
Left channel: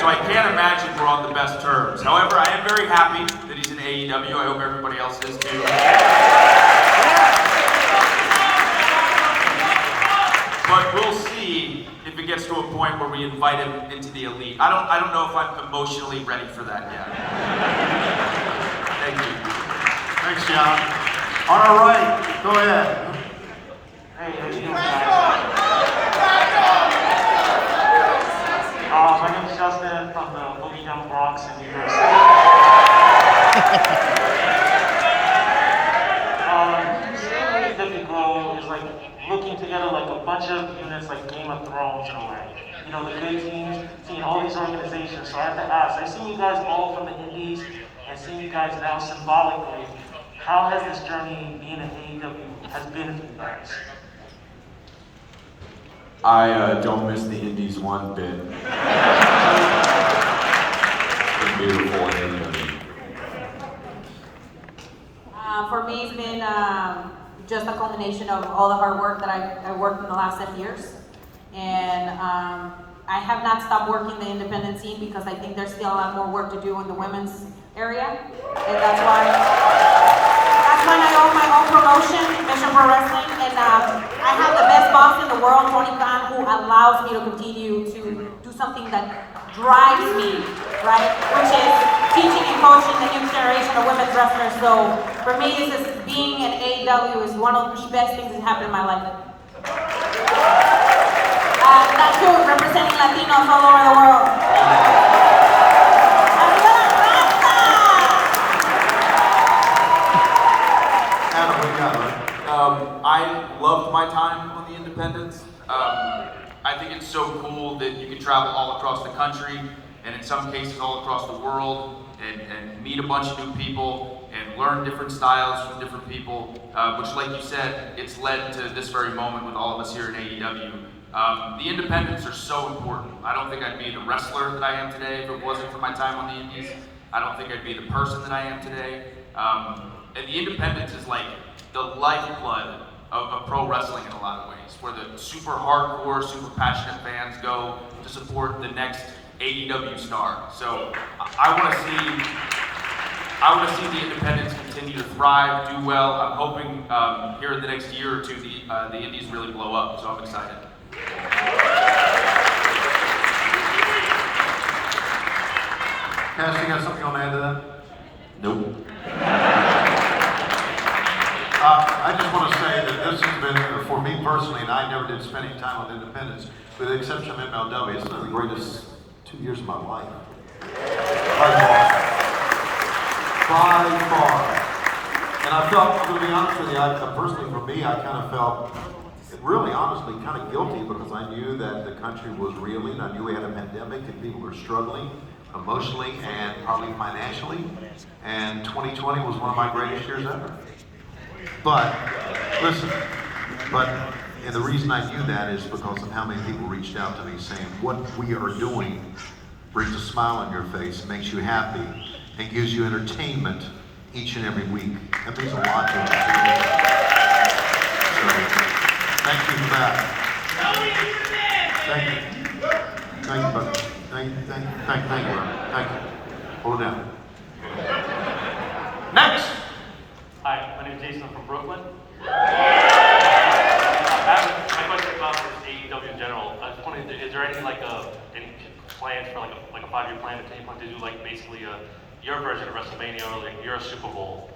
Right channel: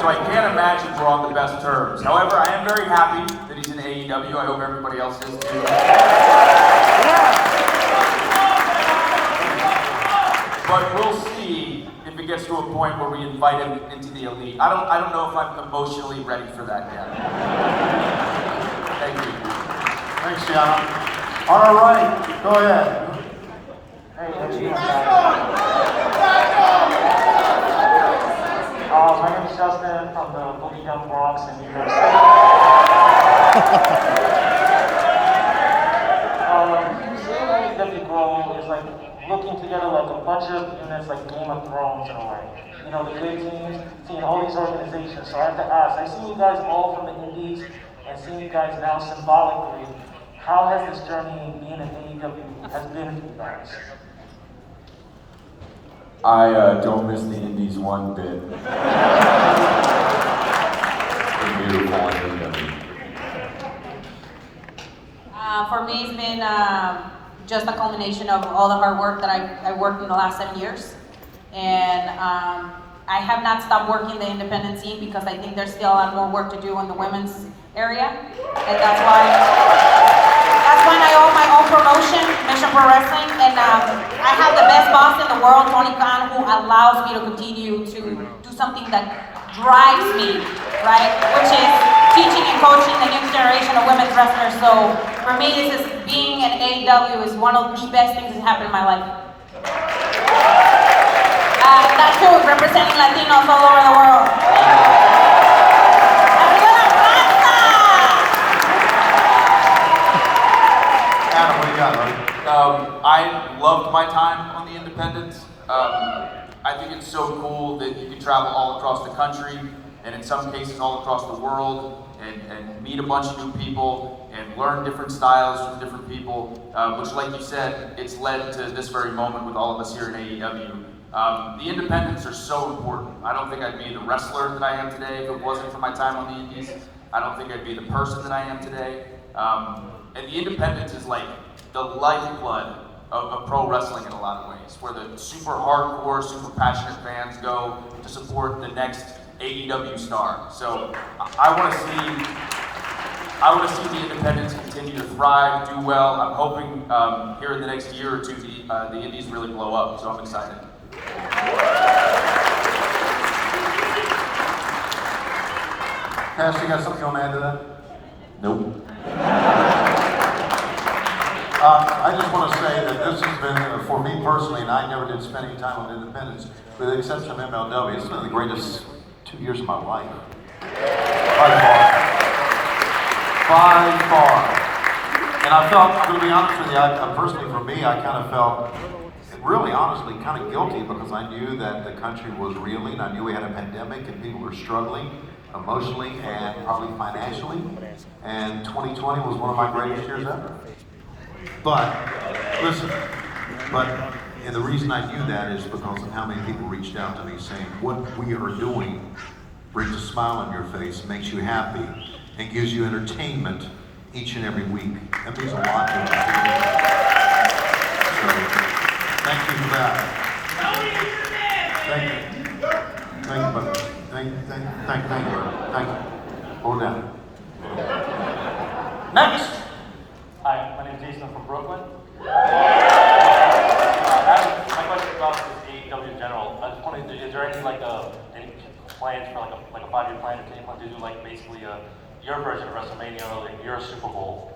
So I can't imagine we're on the best terms. However, I am very happy that he's in AEW. I hope everybody else is too. But we'll see if it gets to a point where we invite him into the Elite. I don't know if I'm emotionally ready for that yet. Thank you. Thanks, Gianna. On our right, go ahead. Hey, how you doing, guys? My name is Justin from the Boogie Down Bronx in New York City. Seeing AEW grow is like looking together like a bunch of units like Game of Thrones in a way. You know, the good teams, seeing all these organizations. So I have to ask, I've seen you guys all from the indies and seeing you guys now symbolically. How has this journey being in AEW has been for you guys? I don't miss the Indies one bit. It's beautiful in AEW. For me, it's been just a culmination of all the hard work that I worked in the last 7 years. And I have not stopped working the independent scene because I think there's still a lot more work to do in the women's area. And that's when I own my own promotion, Mission Pro Wrestling. And I have the best boss in the world, Tony Khan, who allows me to continue to do something that drives me, right? Which is teaching and coaching the new generation of women's wrestlers. So for me, this being in AEW is one of the best things that happened in my life. That too, representing Latinos all over the world. I loved my time on the Independents. I think it's so cool that you can travel all across the country, and in some cases all across the world, and meet a bunch of new people, and learn different styles from different people, which, like you said, it's led to this very moment with all of us here in AEW. The Independents are so important. I don't think I'd be the wrestler that I am today if it wasn't for my time on the Indies. I don't think I'd be the person that I am today. And the Independents is like the lifeblood of pro wrestling in a lot of ways, where the super hardcore, super passionate fans go to support the next AEW star. So I want to see the Independents continue to thrive, do well. I'm hoping here in the next year or two the Indies really blow up. So I'm excited. Cass, you got something you want to add to that? Nope. I just want to say that this has been, for me personally, and I never did spend any time on Independence, with the exception of MLW, it's been the greatest 2 years of my life. By far. And I felt, I'm going to be honest with you, personally for me, I kind of felt, really honestly, kind of guilty because I knew that the country was reeling. I knew we had a pandemic and people were struggling emotionally and probably financially. And 2020 was one of my greatest years ever. But, listen, and the reason I knew that is because of how many people reached out to me saying, what we are doing brings a smile on your face, makes you happy, and gives you entertainment each and every week. That means a lot to us. So, thank you for that. Thank you. Thank you, brother. Thank you, brother. Thank you. Hold down. Next! Hi, my name is Jason. I'm from Brooklyn. My question is about this AEW in general. I was wondering, is there any any plans for like a 5-year plan to do like basically your version of WrestleMania or like your Super Bowl,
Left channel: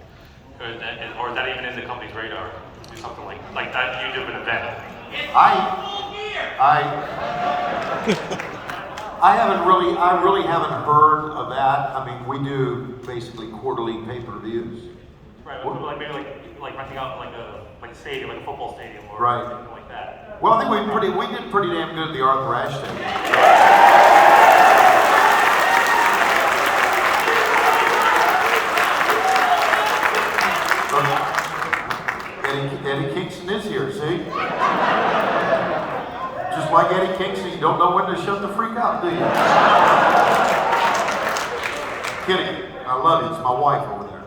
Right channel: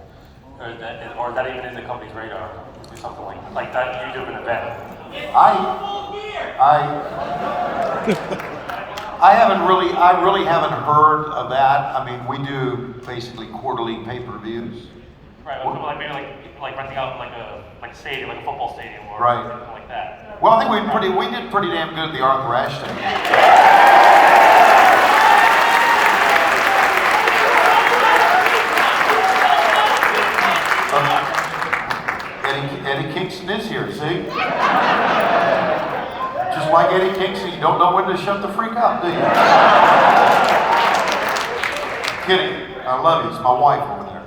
or is that even in the company's radar? Do something like that huge of an event. I really haven't heard of that. I mean, we do basically quarterly pay-per-views. Right, maybe like renting out like a stadium, like a football stadium, or right. something like that. Well, I think we did pretty damn good at the Arthur Ashe thing. Eddie Kingston is here, see? Just like Eddie Kingston, you don't know when to shut the freak up, do you? Kidding. I love you. It's my wife over there.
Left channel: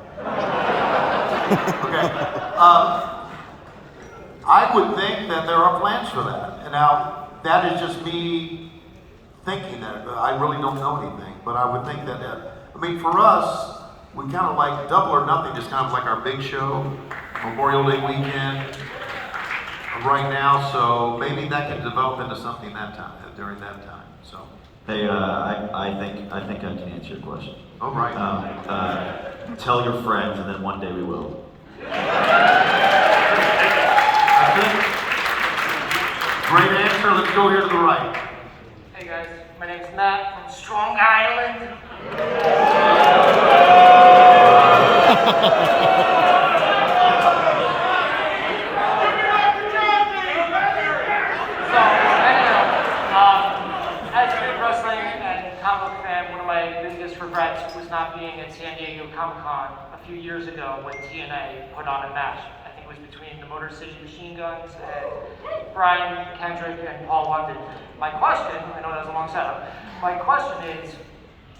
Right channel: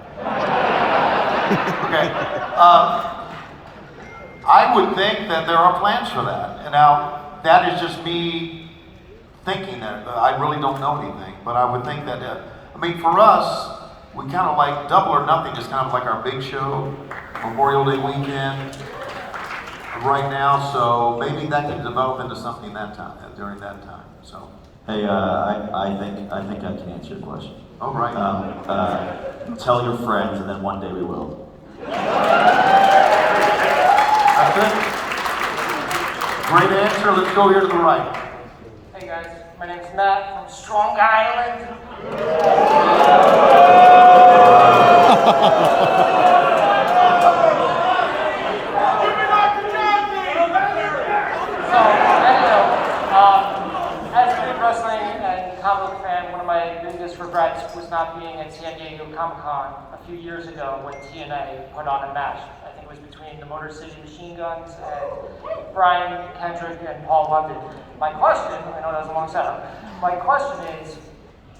Okay. I would think that there are plans for that. And now, that is just me thinking that. I really don't know anything, but I would think that, I mean, for us, we kind of like Double or Nothing is kind of like our big show, Memorial Day weekend right now, so maybe that can develop into something during that time. So. Hey, I think I can answer your question. Oh, right. Tell your friends, and then one day we will. That's it. Great answer. Let's go here to the right. Hey guys, my name is Matt from Strong Island. As a wrestling and comic book fan, one of my biggest regrets was not being at San Diego Comic-Con a few years ago when TNA put on a match. I think it was between the Motor City Machine Guns and Brian Kendrick and Paul London. My question, I know that was a long setup, my question is,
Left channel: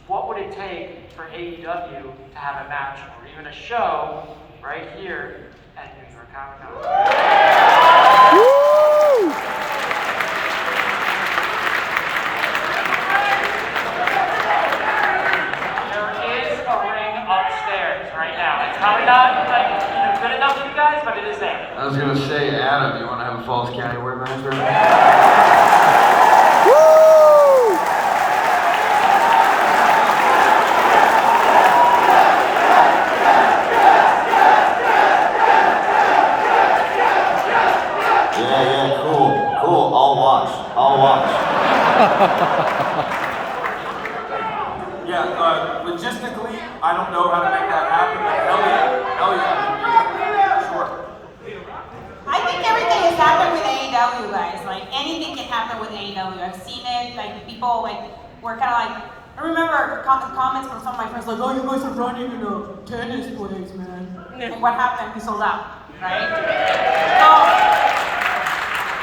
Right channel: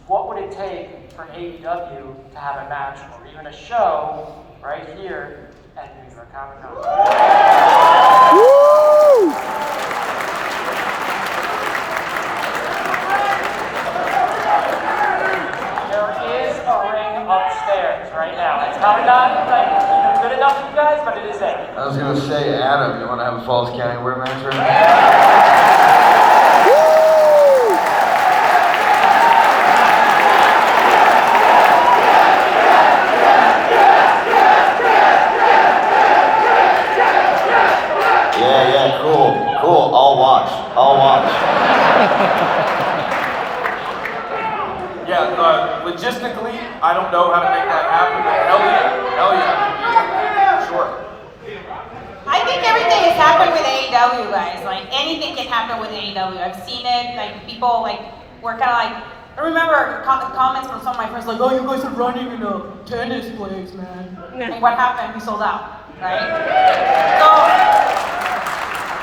what would it take for AEW to have a match or even a show right here at New York Comic-Con? Woo! There is a ring upstairs right now. It's probably not good enough for you guys, but it is there. I was gonna say, Adam, you wanna have a Falls County War match right now? Woo! Yeah, cool. I'll watch. Yeah, logistically, I don't know how to make that happen, but hell yeah, sure. AEW. I've seen it, like people like were kind of like, I remember comments from some of my friends like, oh, you guys are running in a tennis place, man. And what happened? We sold out, right? So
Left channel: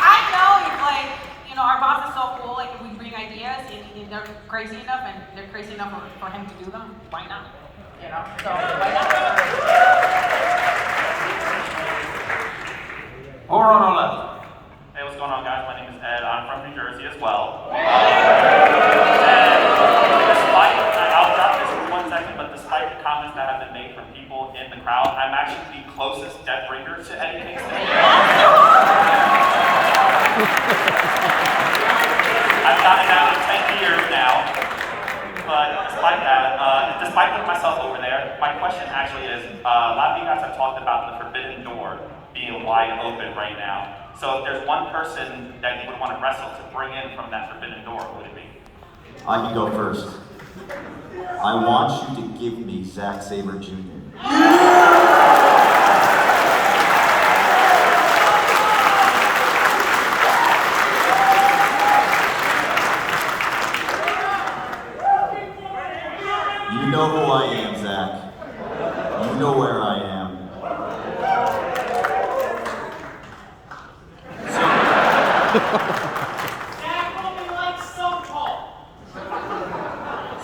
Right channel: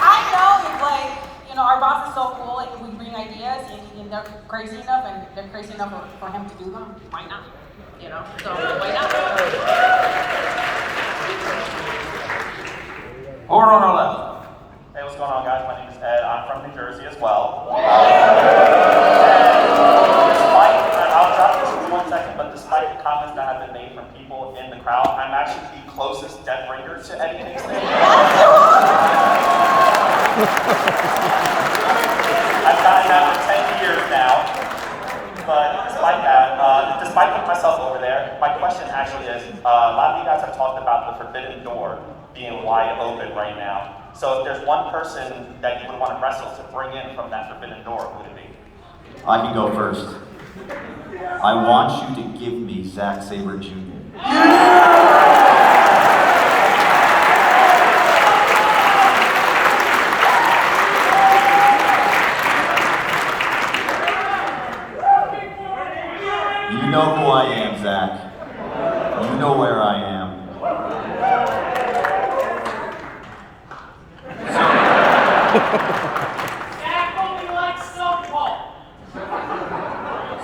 I know it's like, you know, our boss is so cool, like if we bring ideas and they're crazy enough and they're crazy enough for him to do them, why not? You know, so why not? Over on our left. Hey, what's going on, guys? My name is Ed. I'm from New Jersey as well. I'll drop this for 1 second, but despite the comments that have been made from people in the crowd, I'm actually the closest dead ringer to Eddie Kingston. I've gotten that for 10 years now. But despite that, despite putting myself over there, my question actually is, a lot of you guys have talked about the forbidden door being wide open right now. So if there's one person that you would want to wrestle to bring in from that forbidden door, who would it be? I can go first. I want you to give me Zack Sabre Jr. You know who I am, Zach. You know where I am.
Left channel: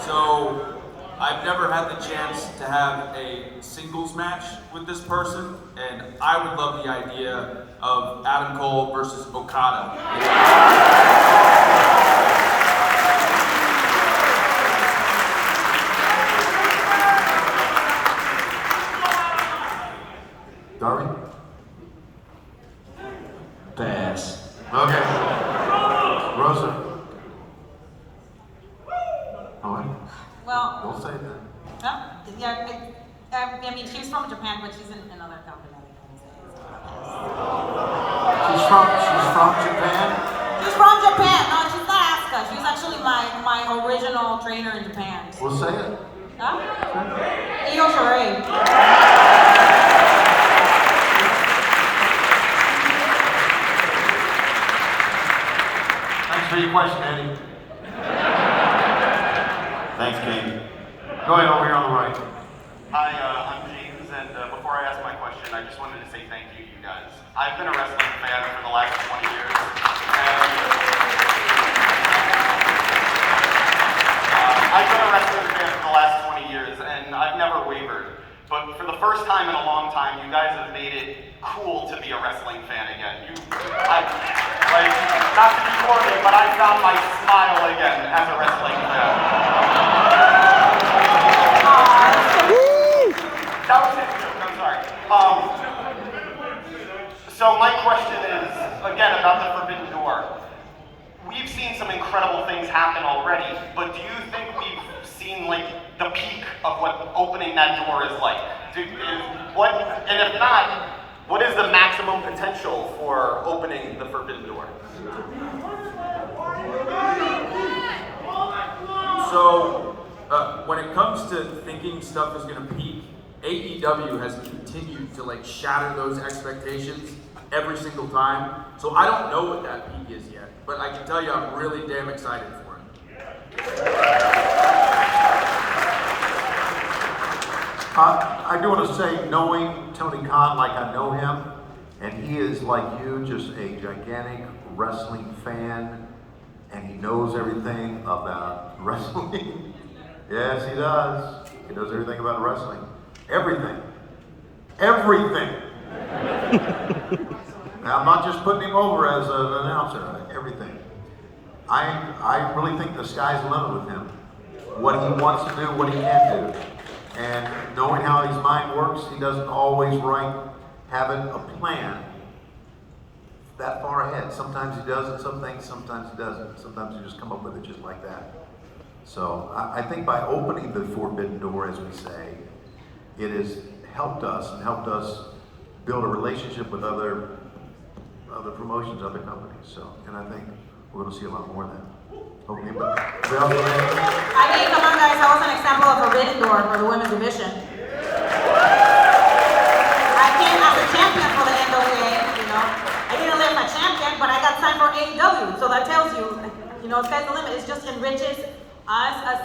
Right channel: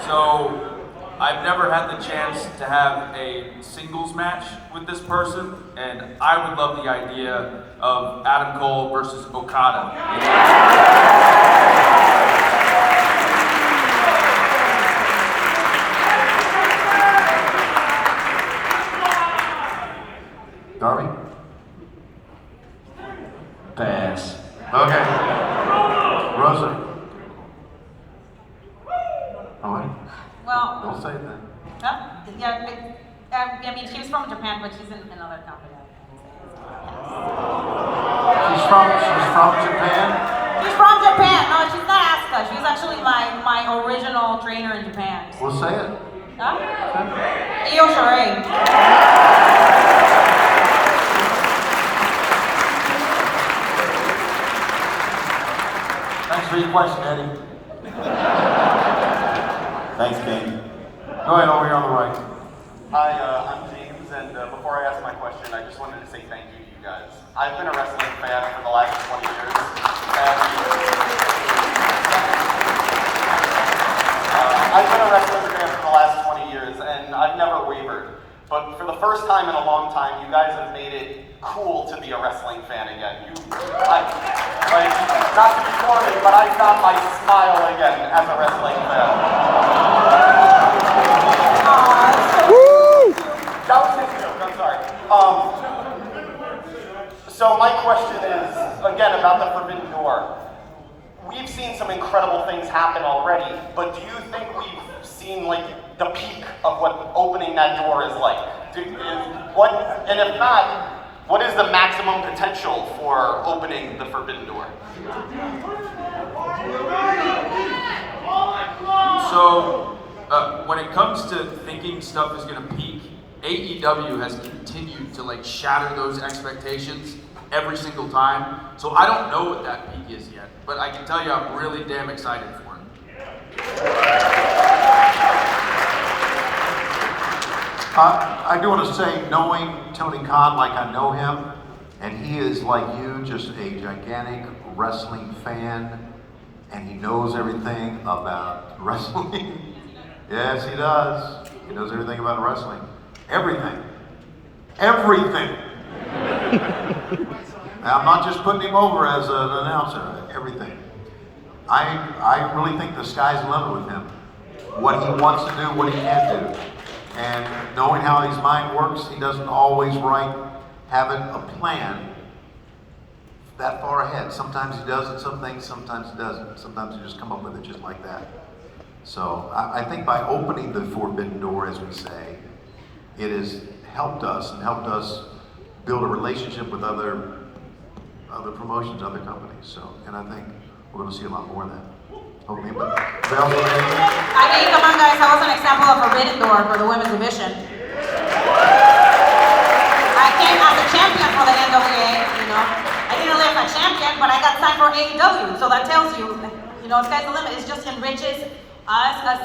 So, I've never had the chance to have a singles match with this person, and I would love the idea of Adam Cole versus Okada. Darby? Pass. Okay. Rosa? All right. Well, Don't say that. huh? Yeah, I mean, she's from Japan, but she's in another company. She's from Japan? She's from Japan. No, she's not Asuka. She's actually my original trainer in Japan. Well, say it. Huh? Io Shirai. Thanks for your question, Eddie. Thanks, King. Go ahead, over here on the right. Hi, I'm James, and before I ask my question, I just wanted to say thank you, you guys. I've been a wrestling fan for the last 20 years, and I've never wavered. But for the first time in a long time, you guys have made it cool to be a wrestling fan again. Not to be corny, but I found my smile again as a wrestling fan. That was just a joke, I'm sorry. So my question is, again, about the Forbidden Door. We've seen some incredible things happen already, but do you think we've seen like the peak of what opening that door is like? And if not, what is the maximum potential for opening the Forbidden Door? So, when it comes to thinking stuff is going to peak, AEW has continued to like shatter those expectations every single time. So I don't know what that peak is yet, but I can tell you I'm really damn excited for it. I do want to say, knowing Tony Khan like I know him, and he is like you, just a gigantic wrestling fan, and he knows everything about wrestling. Yes, he does. He knows everything about wrestling. Everything. Everything. Now, I'm not just putting him over as an announcer. Everything. I really think the sky's the limit with him. What he wants to do, what he can't do. And knowing how his mind works, he doesn't always have a plan that far ahead. Sometimes he does it, some things, sometimes he doesn't. Sometimes you just come up with it just like that. So I think by opening the Forbidden Door, as we say, it has helped us build a relationship with other promotions, other companies. So, and I think we're going to see a lot more of that. Okay, but I mean, come on guys, that was an example of Forbidden Door for the women's division. I came as a champion for the NWA, you know. I didn't live a champion, but I got signed for AEW. So that tells you, sky's the limit. It just enriches us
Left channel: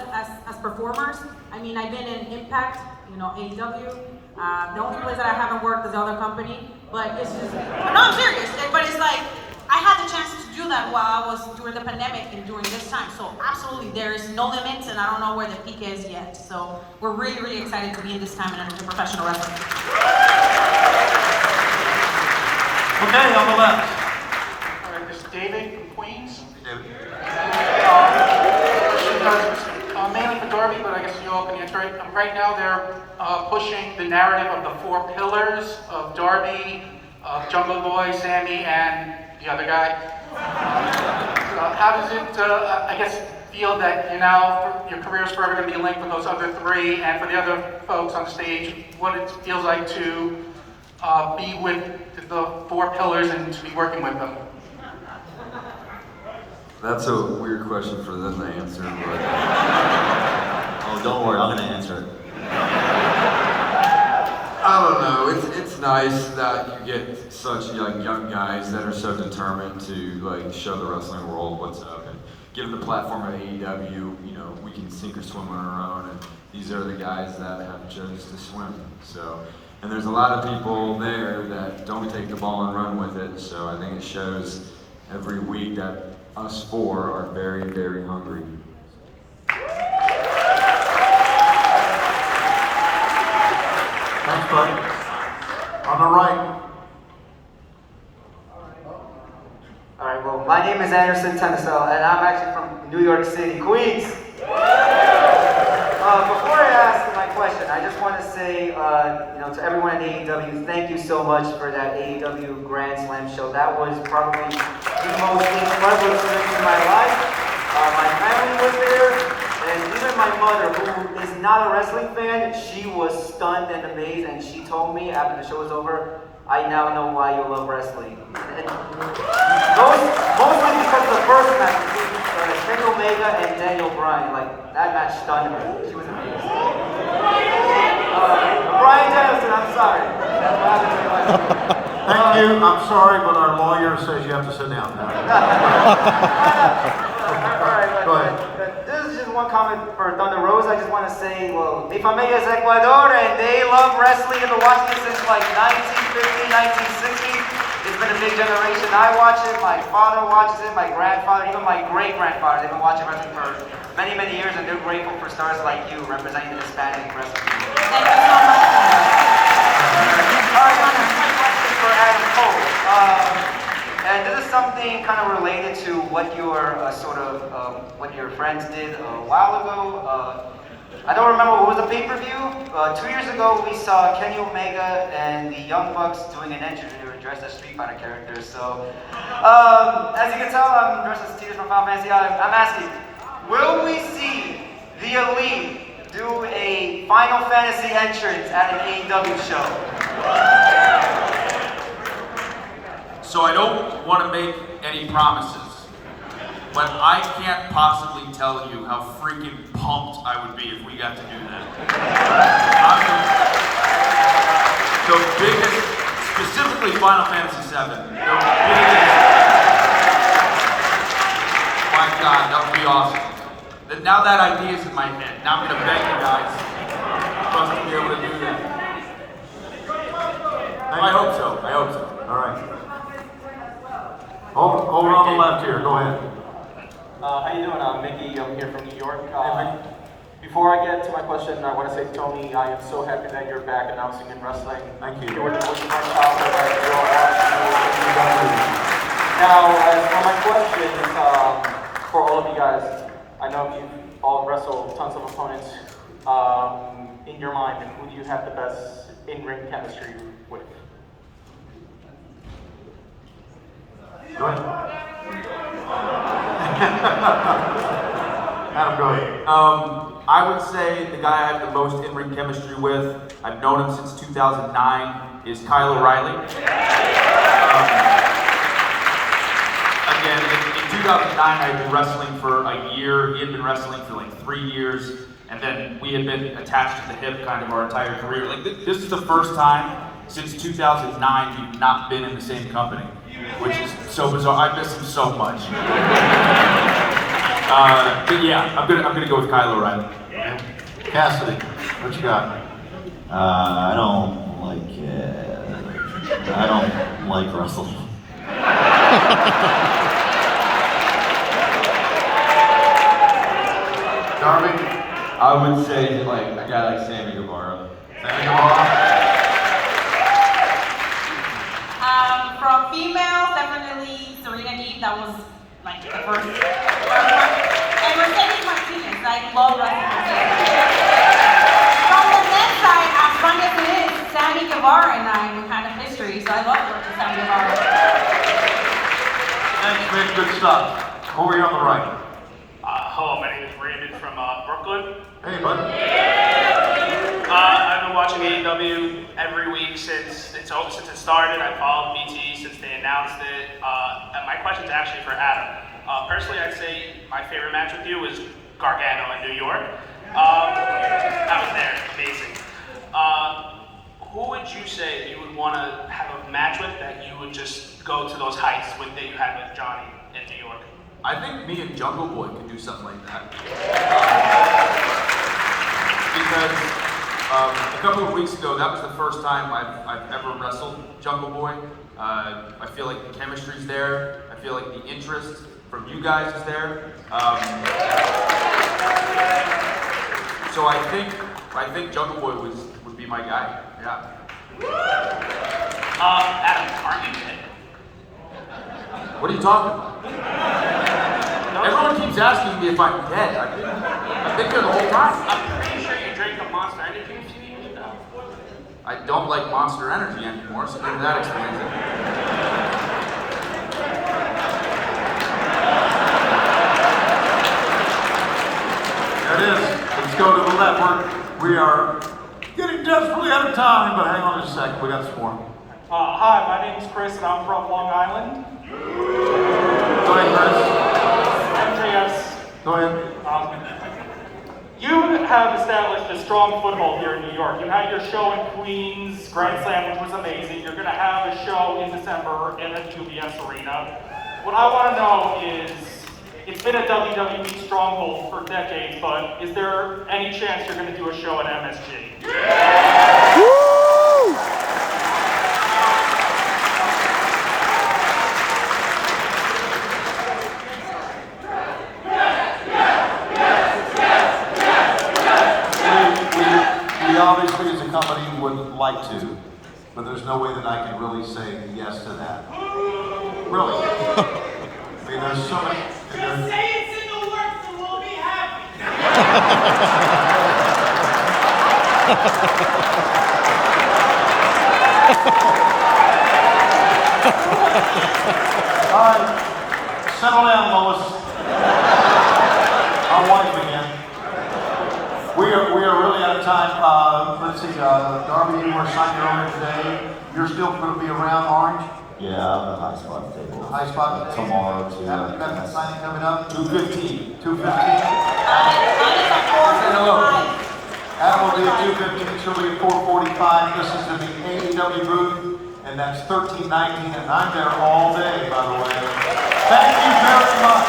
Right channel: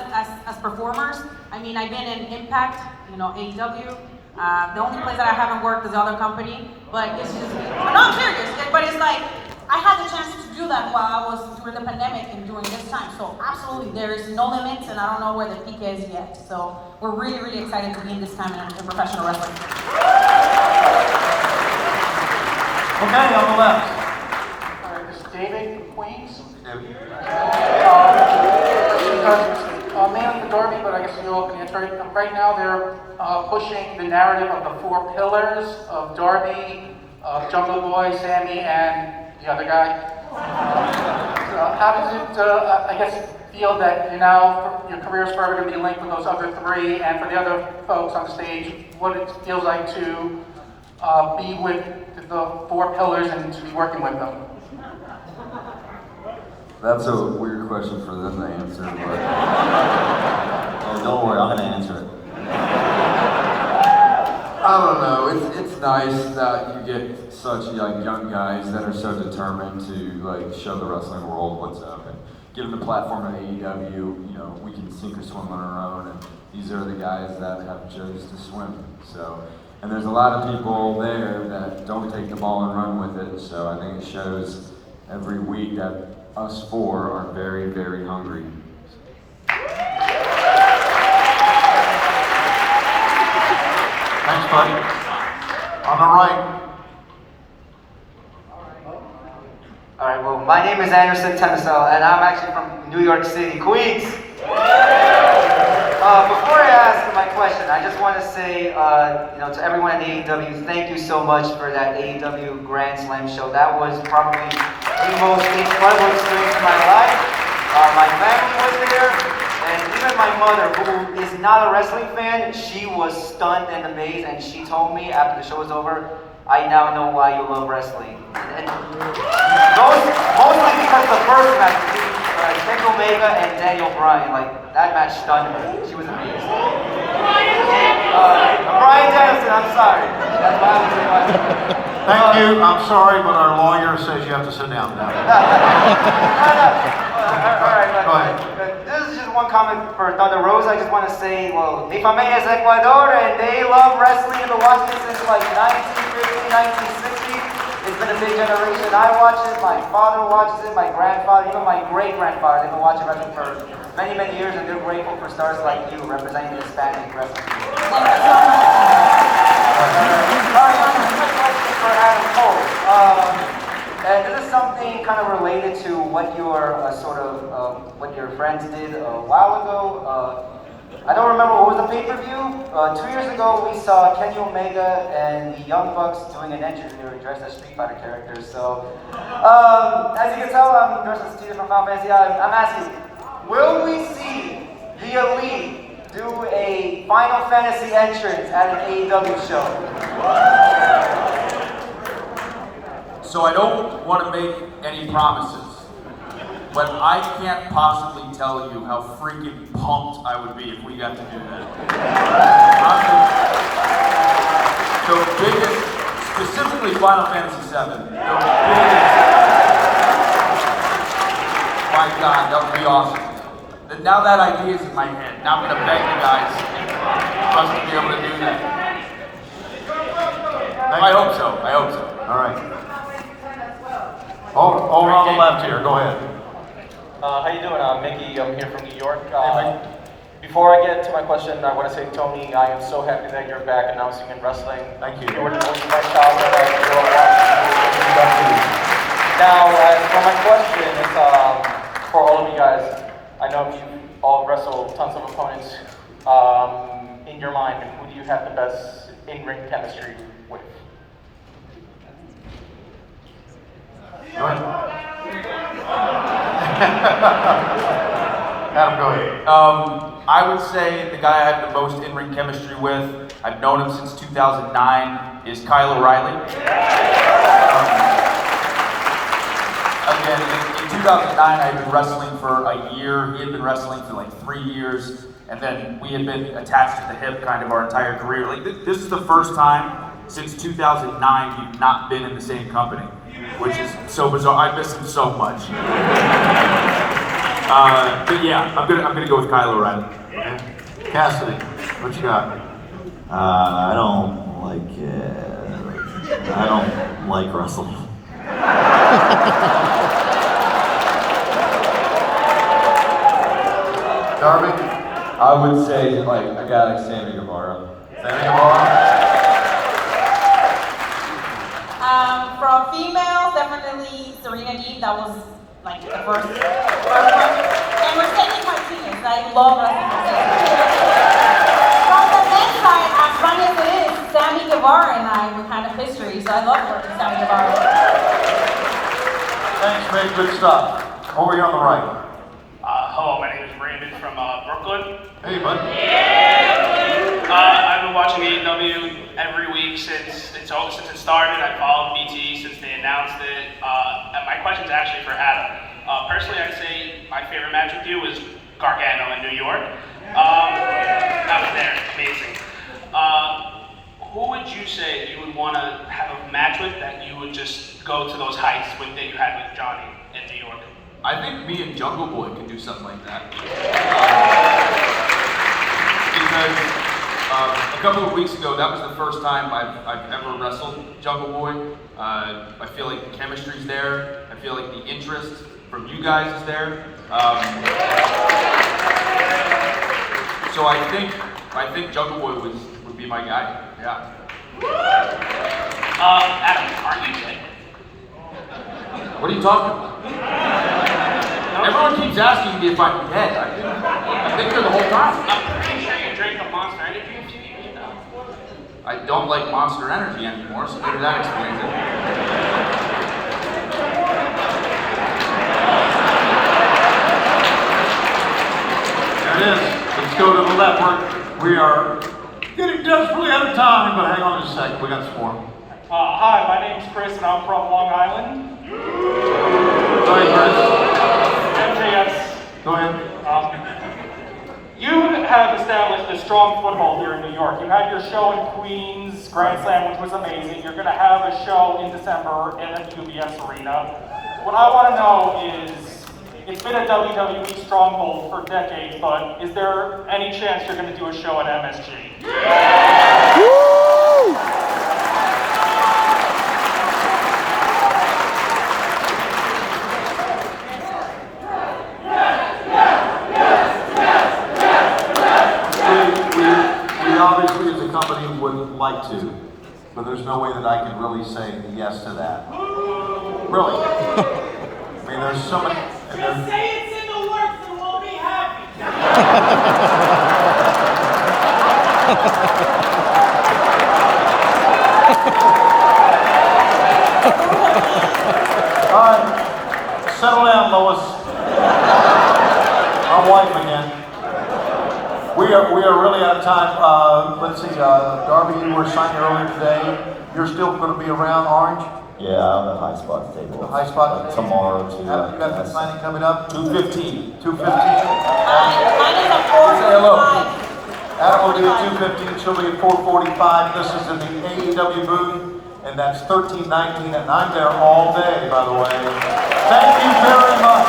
as performers. I mean, I've been in Impact, AEW. The only place that I haven't worked is other company, but it's just, I'm serious, but it's like, I had the chance to do that while I was during the pandemic and during this time. So absolutely, there is no limits, and I don't know where the peak is yet. So we're really, really excited to be in this time in professional wrestling. Okay, on the left. All right, this is David from Queens. David. Mainly for Darby, but I guess you all can answer it. Right now, they're pushing the narrative of the 4 pillars of Darby, Jungle Boy, Sammy, and the other guy. How does it, I guess, feel that your career is forever going to be linked with those other 3, and for the other folks on the stage, what it feels like to be with the 4 pillars and to be working with them? That's a weird question for them to answer, but oh, don't worry, I'm gonna answer it. I don't know. It's nice that you get such young guys that are so determined to show the wrestling world what's up, and given the platform of AEW, we can sink or swim on our own, and these are the guys that have chose to swim. So, and there's a lot of people there that don't take the ball and run with it. So I think it shows every week that us 4 are very, very hungry. Thanks, buddy. On the right. All right, well, my name is Anderson Tennisell, and I'm actually from New York City, Queens. Before I ask my question, I just want to say, to everyone at AEW, thank you so much for that AEW Grand Slam show. That was probably the most incredible experience of my life. My family was there, and even my mother, who is not a wrestling fan, she was stunned and amazed, and she told me after the show was over, I now know why you love wrestling. And mostly because of the first match between Kenny Omega and Daniel Bryan. That match stunned me. She was amazing. Bryan Danielson, I'm sorry. That's why I'm Thank you. I'm sorry, but our lawyer says you have to sit down now. Go ahead. This is just one comment for Thunder Rosa. I just want to say, well, mi familia es Ecuador, and they love wrestling. I've been watching it since 1950, 1960. It's been a big generation. I watch it, my father watches it, my grandfather, even my great-grandfather. They've been watching wrestling for many, many years, and they're grateful for stars like you representing the Hispanic wrestling community. Thank you so much. Question for Adam Cole. And this is something kind of related to what your what your friends did a while ago. I don't remember what was the pay-per-view. 2 years ago, we saw Kenny Omega and the Young Bucks doing an entrance, and they were dressed as Street Fighter characters. So, as you can tell, I'm dressed as Tito from Final Fantasy. I'm asking, will we see the Elite do a Final Fantasy entrance at an AEW show? So I don't want to make any promises, but I can't possibly tell you how freaking pumped I would be if we got to do that. The biggest, specifically Final Fantasy VII, the biggest, my God, that would be awesome. Now that idea is in my head. Now I'm going to beg the guys to be able to do that. I hope so. All right. Hold on the left here. Go ahead. How you doing? I'm Mickey. I'm here from New York. Before I get to my question, I want to say, Tony, I am so happy that you're back announcing in wrestling. Thank you. You were the most fun child that I grew up watching. Now, for my question is for all of you guys. I know you all wrestle tons of opponents. In your mind, who do you have the best in-ring chemistry with? Right. Adam, go ahead. I would say the guy I have the most in-ring chemistry with, I've known him since 2009, is Kyle O'Reilly. Again, in 2009, I had been wrestling for a year. He had been wrestling for 3 years, and then we had been attached to the hip kind of our entire career. This is the first time since 2009 we've not been in the same company. which is so bizarre. I miss him so much. But yeah, I'm gonna go with Kyle O'Reilly. Cassidy, what you got? I don't like Russell. Darby? I would say like a guy like Sammy Guevara. Sammy Guevara? From females, definitely Serena Deeb. That was like the first one. And Mercedes Martinez. I love wrestling. From the men's side, as funny as it is, Sammy Guevara and I we had a history, so I love working with Sammy Guevara. Thanks, Mick. Good stuff. Over here on the right. Hello, my name is Brandon from Brooklyn. Hey, bud. I've been watching AEW every week since it started. I followed BT since they announced it. And my question is actually for Adam. Personally, I'd say my favorite match with you was Gargano in New York. I was there, amazing. Who would you say you would want to have a match with that you would just go to those heights that you had with Johnny in New York? I think me and Jungle Boy could do something like that. Because a couple of weeks ago, that was the first time I've ever wrestled Jungle Boy. I feel like the chemistry's there. I feel like the interest from you guys is there. So I think Jungle Boy would be my guy. Yeah. Adam, aren't you gay? What are you talking about? Everyone keeps asking me if I'm dead. I've been here the whole time. I'm pretty sure you drank the Monster Energy a few years ago. I don't like Monster Energy anymore, so maybe that explains it. That is. Let's go to the left. We are getting desperately out of time, but hang on just a second. We got some more. Hi, my name's Chris, and I'm from Long Island. Sorry, Chris. MJS. Go ahead. You have established a strong foothold here in New York. You had your show in Queens, Grand Slam, which was amazing. You're going to have a show in December in the UBS Arena. What I want to know is, it's been a WWE stronghold for decades, but is there any chance you're going to do a show at MSG? Woo! We obviously as a company would like to, but there's no way that I can really say yes to that. Really. I mean, there's so many. Just say it's in the works and we'll be happy. All right, settle down, Lois. Our wife again. We are really out of time. Let's see, Darby, you were signed earlier today. You're still going to be around Orange? Yeah, I'm the high spot table. The high spot Tomorrow, You got the signing coming up? 2:15. 2:15. Adam will be at 2:15. She'll be at 4:45. This is in the AEW booth, and that's 1319, and I'm there all day, by the way. Thank you very much.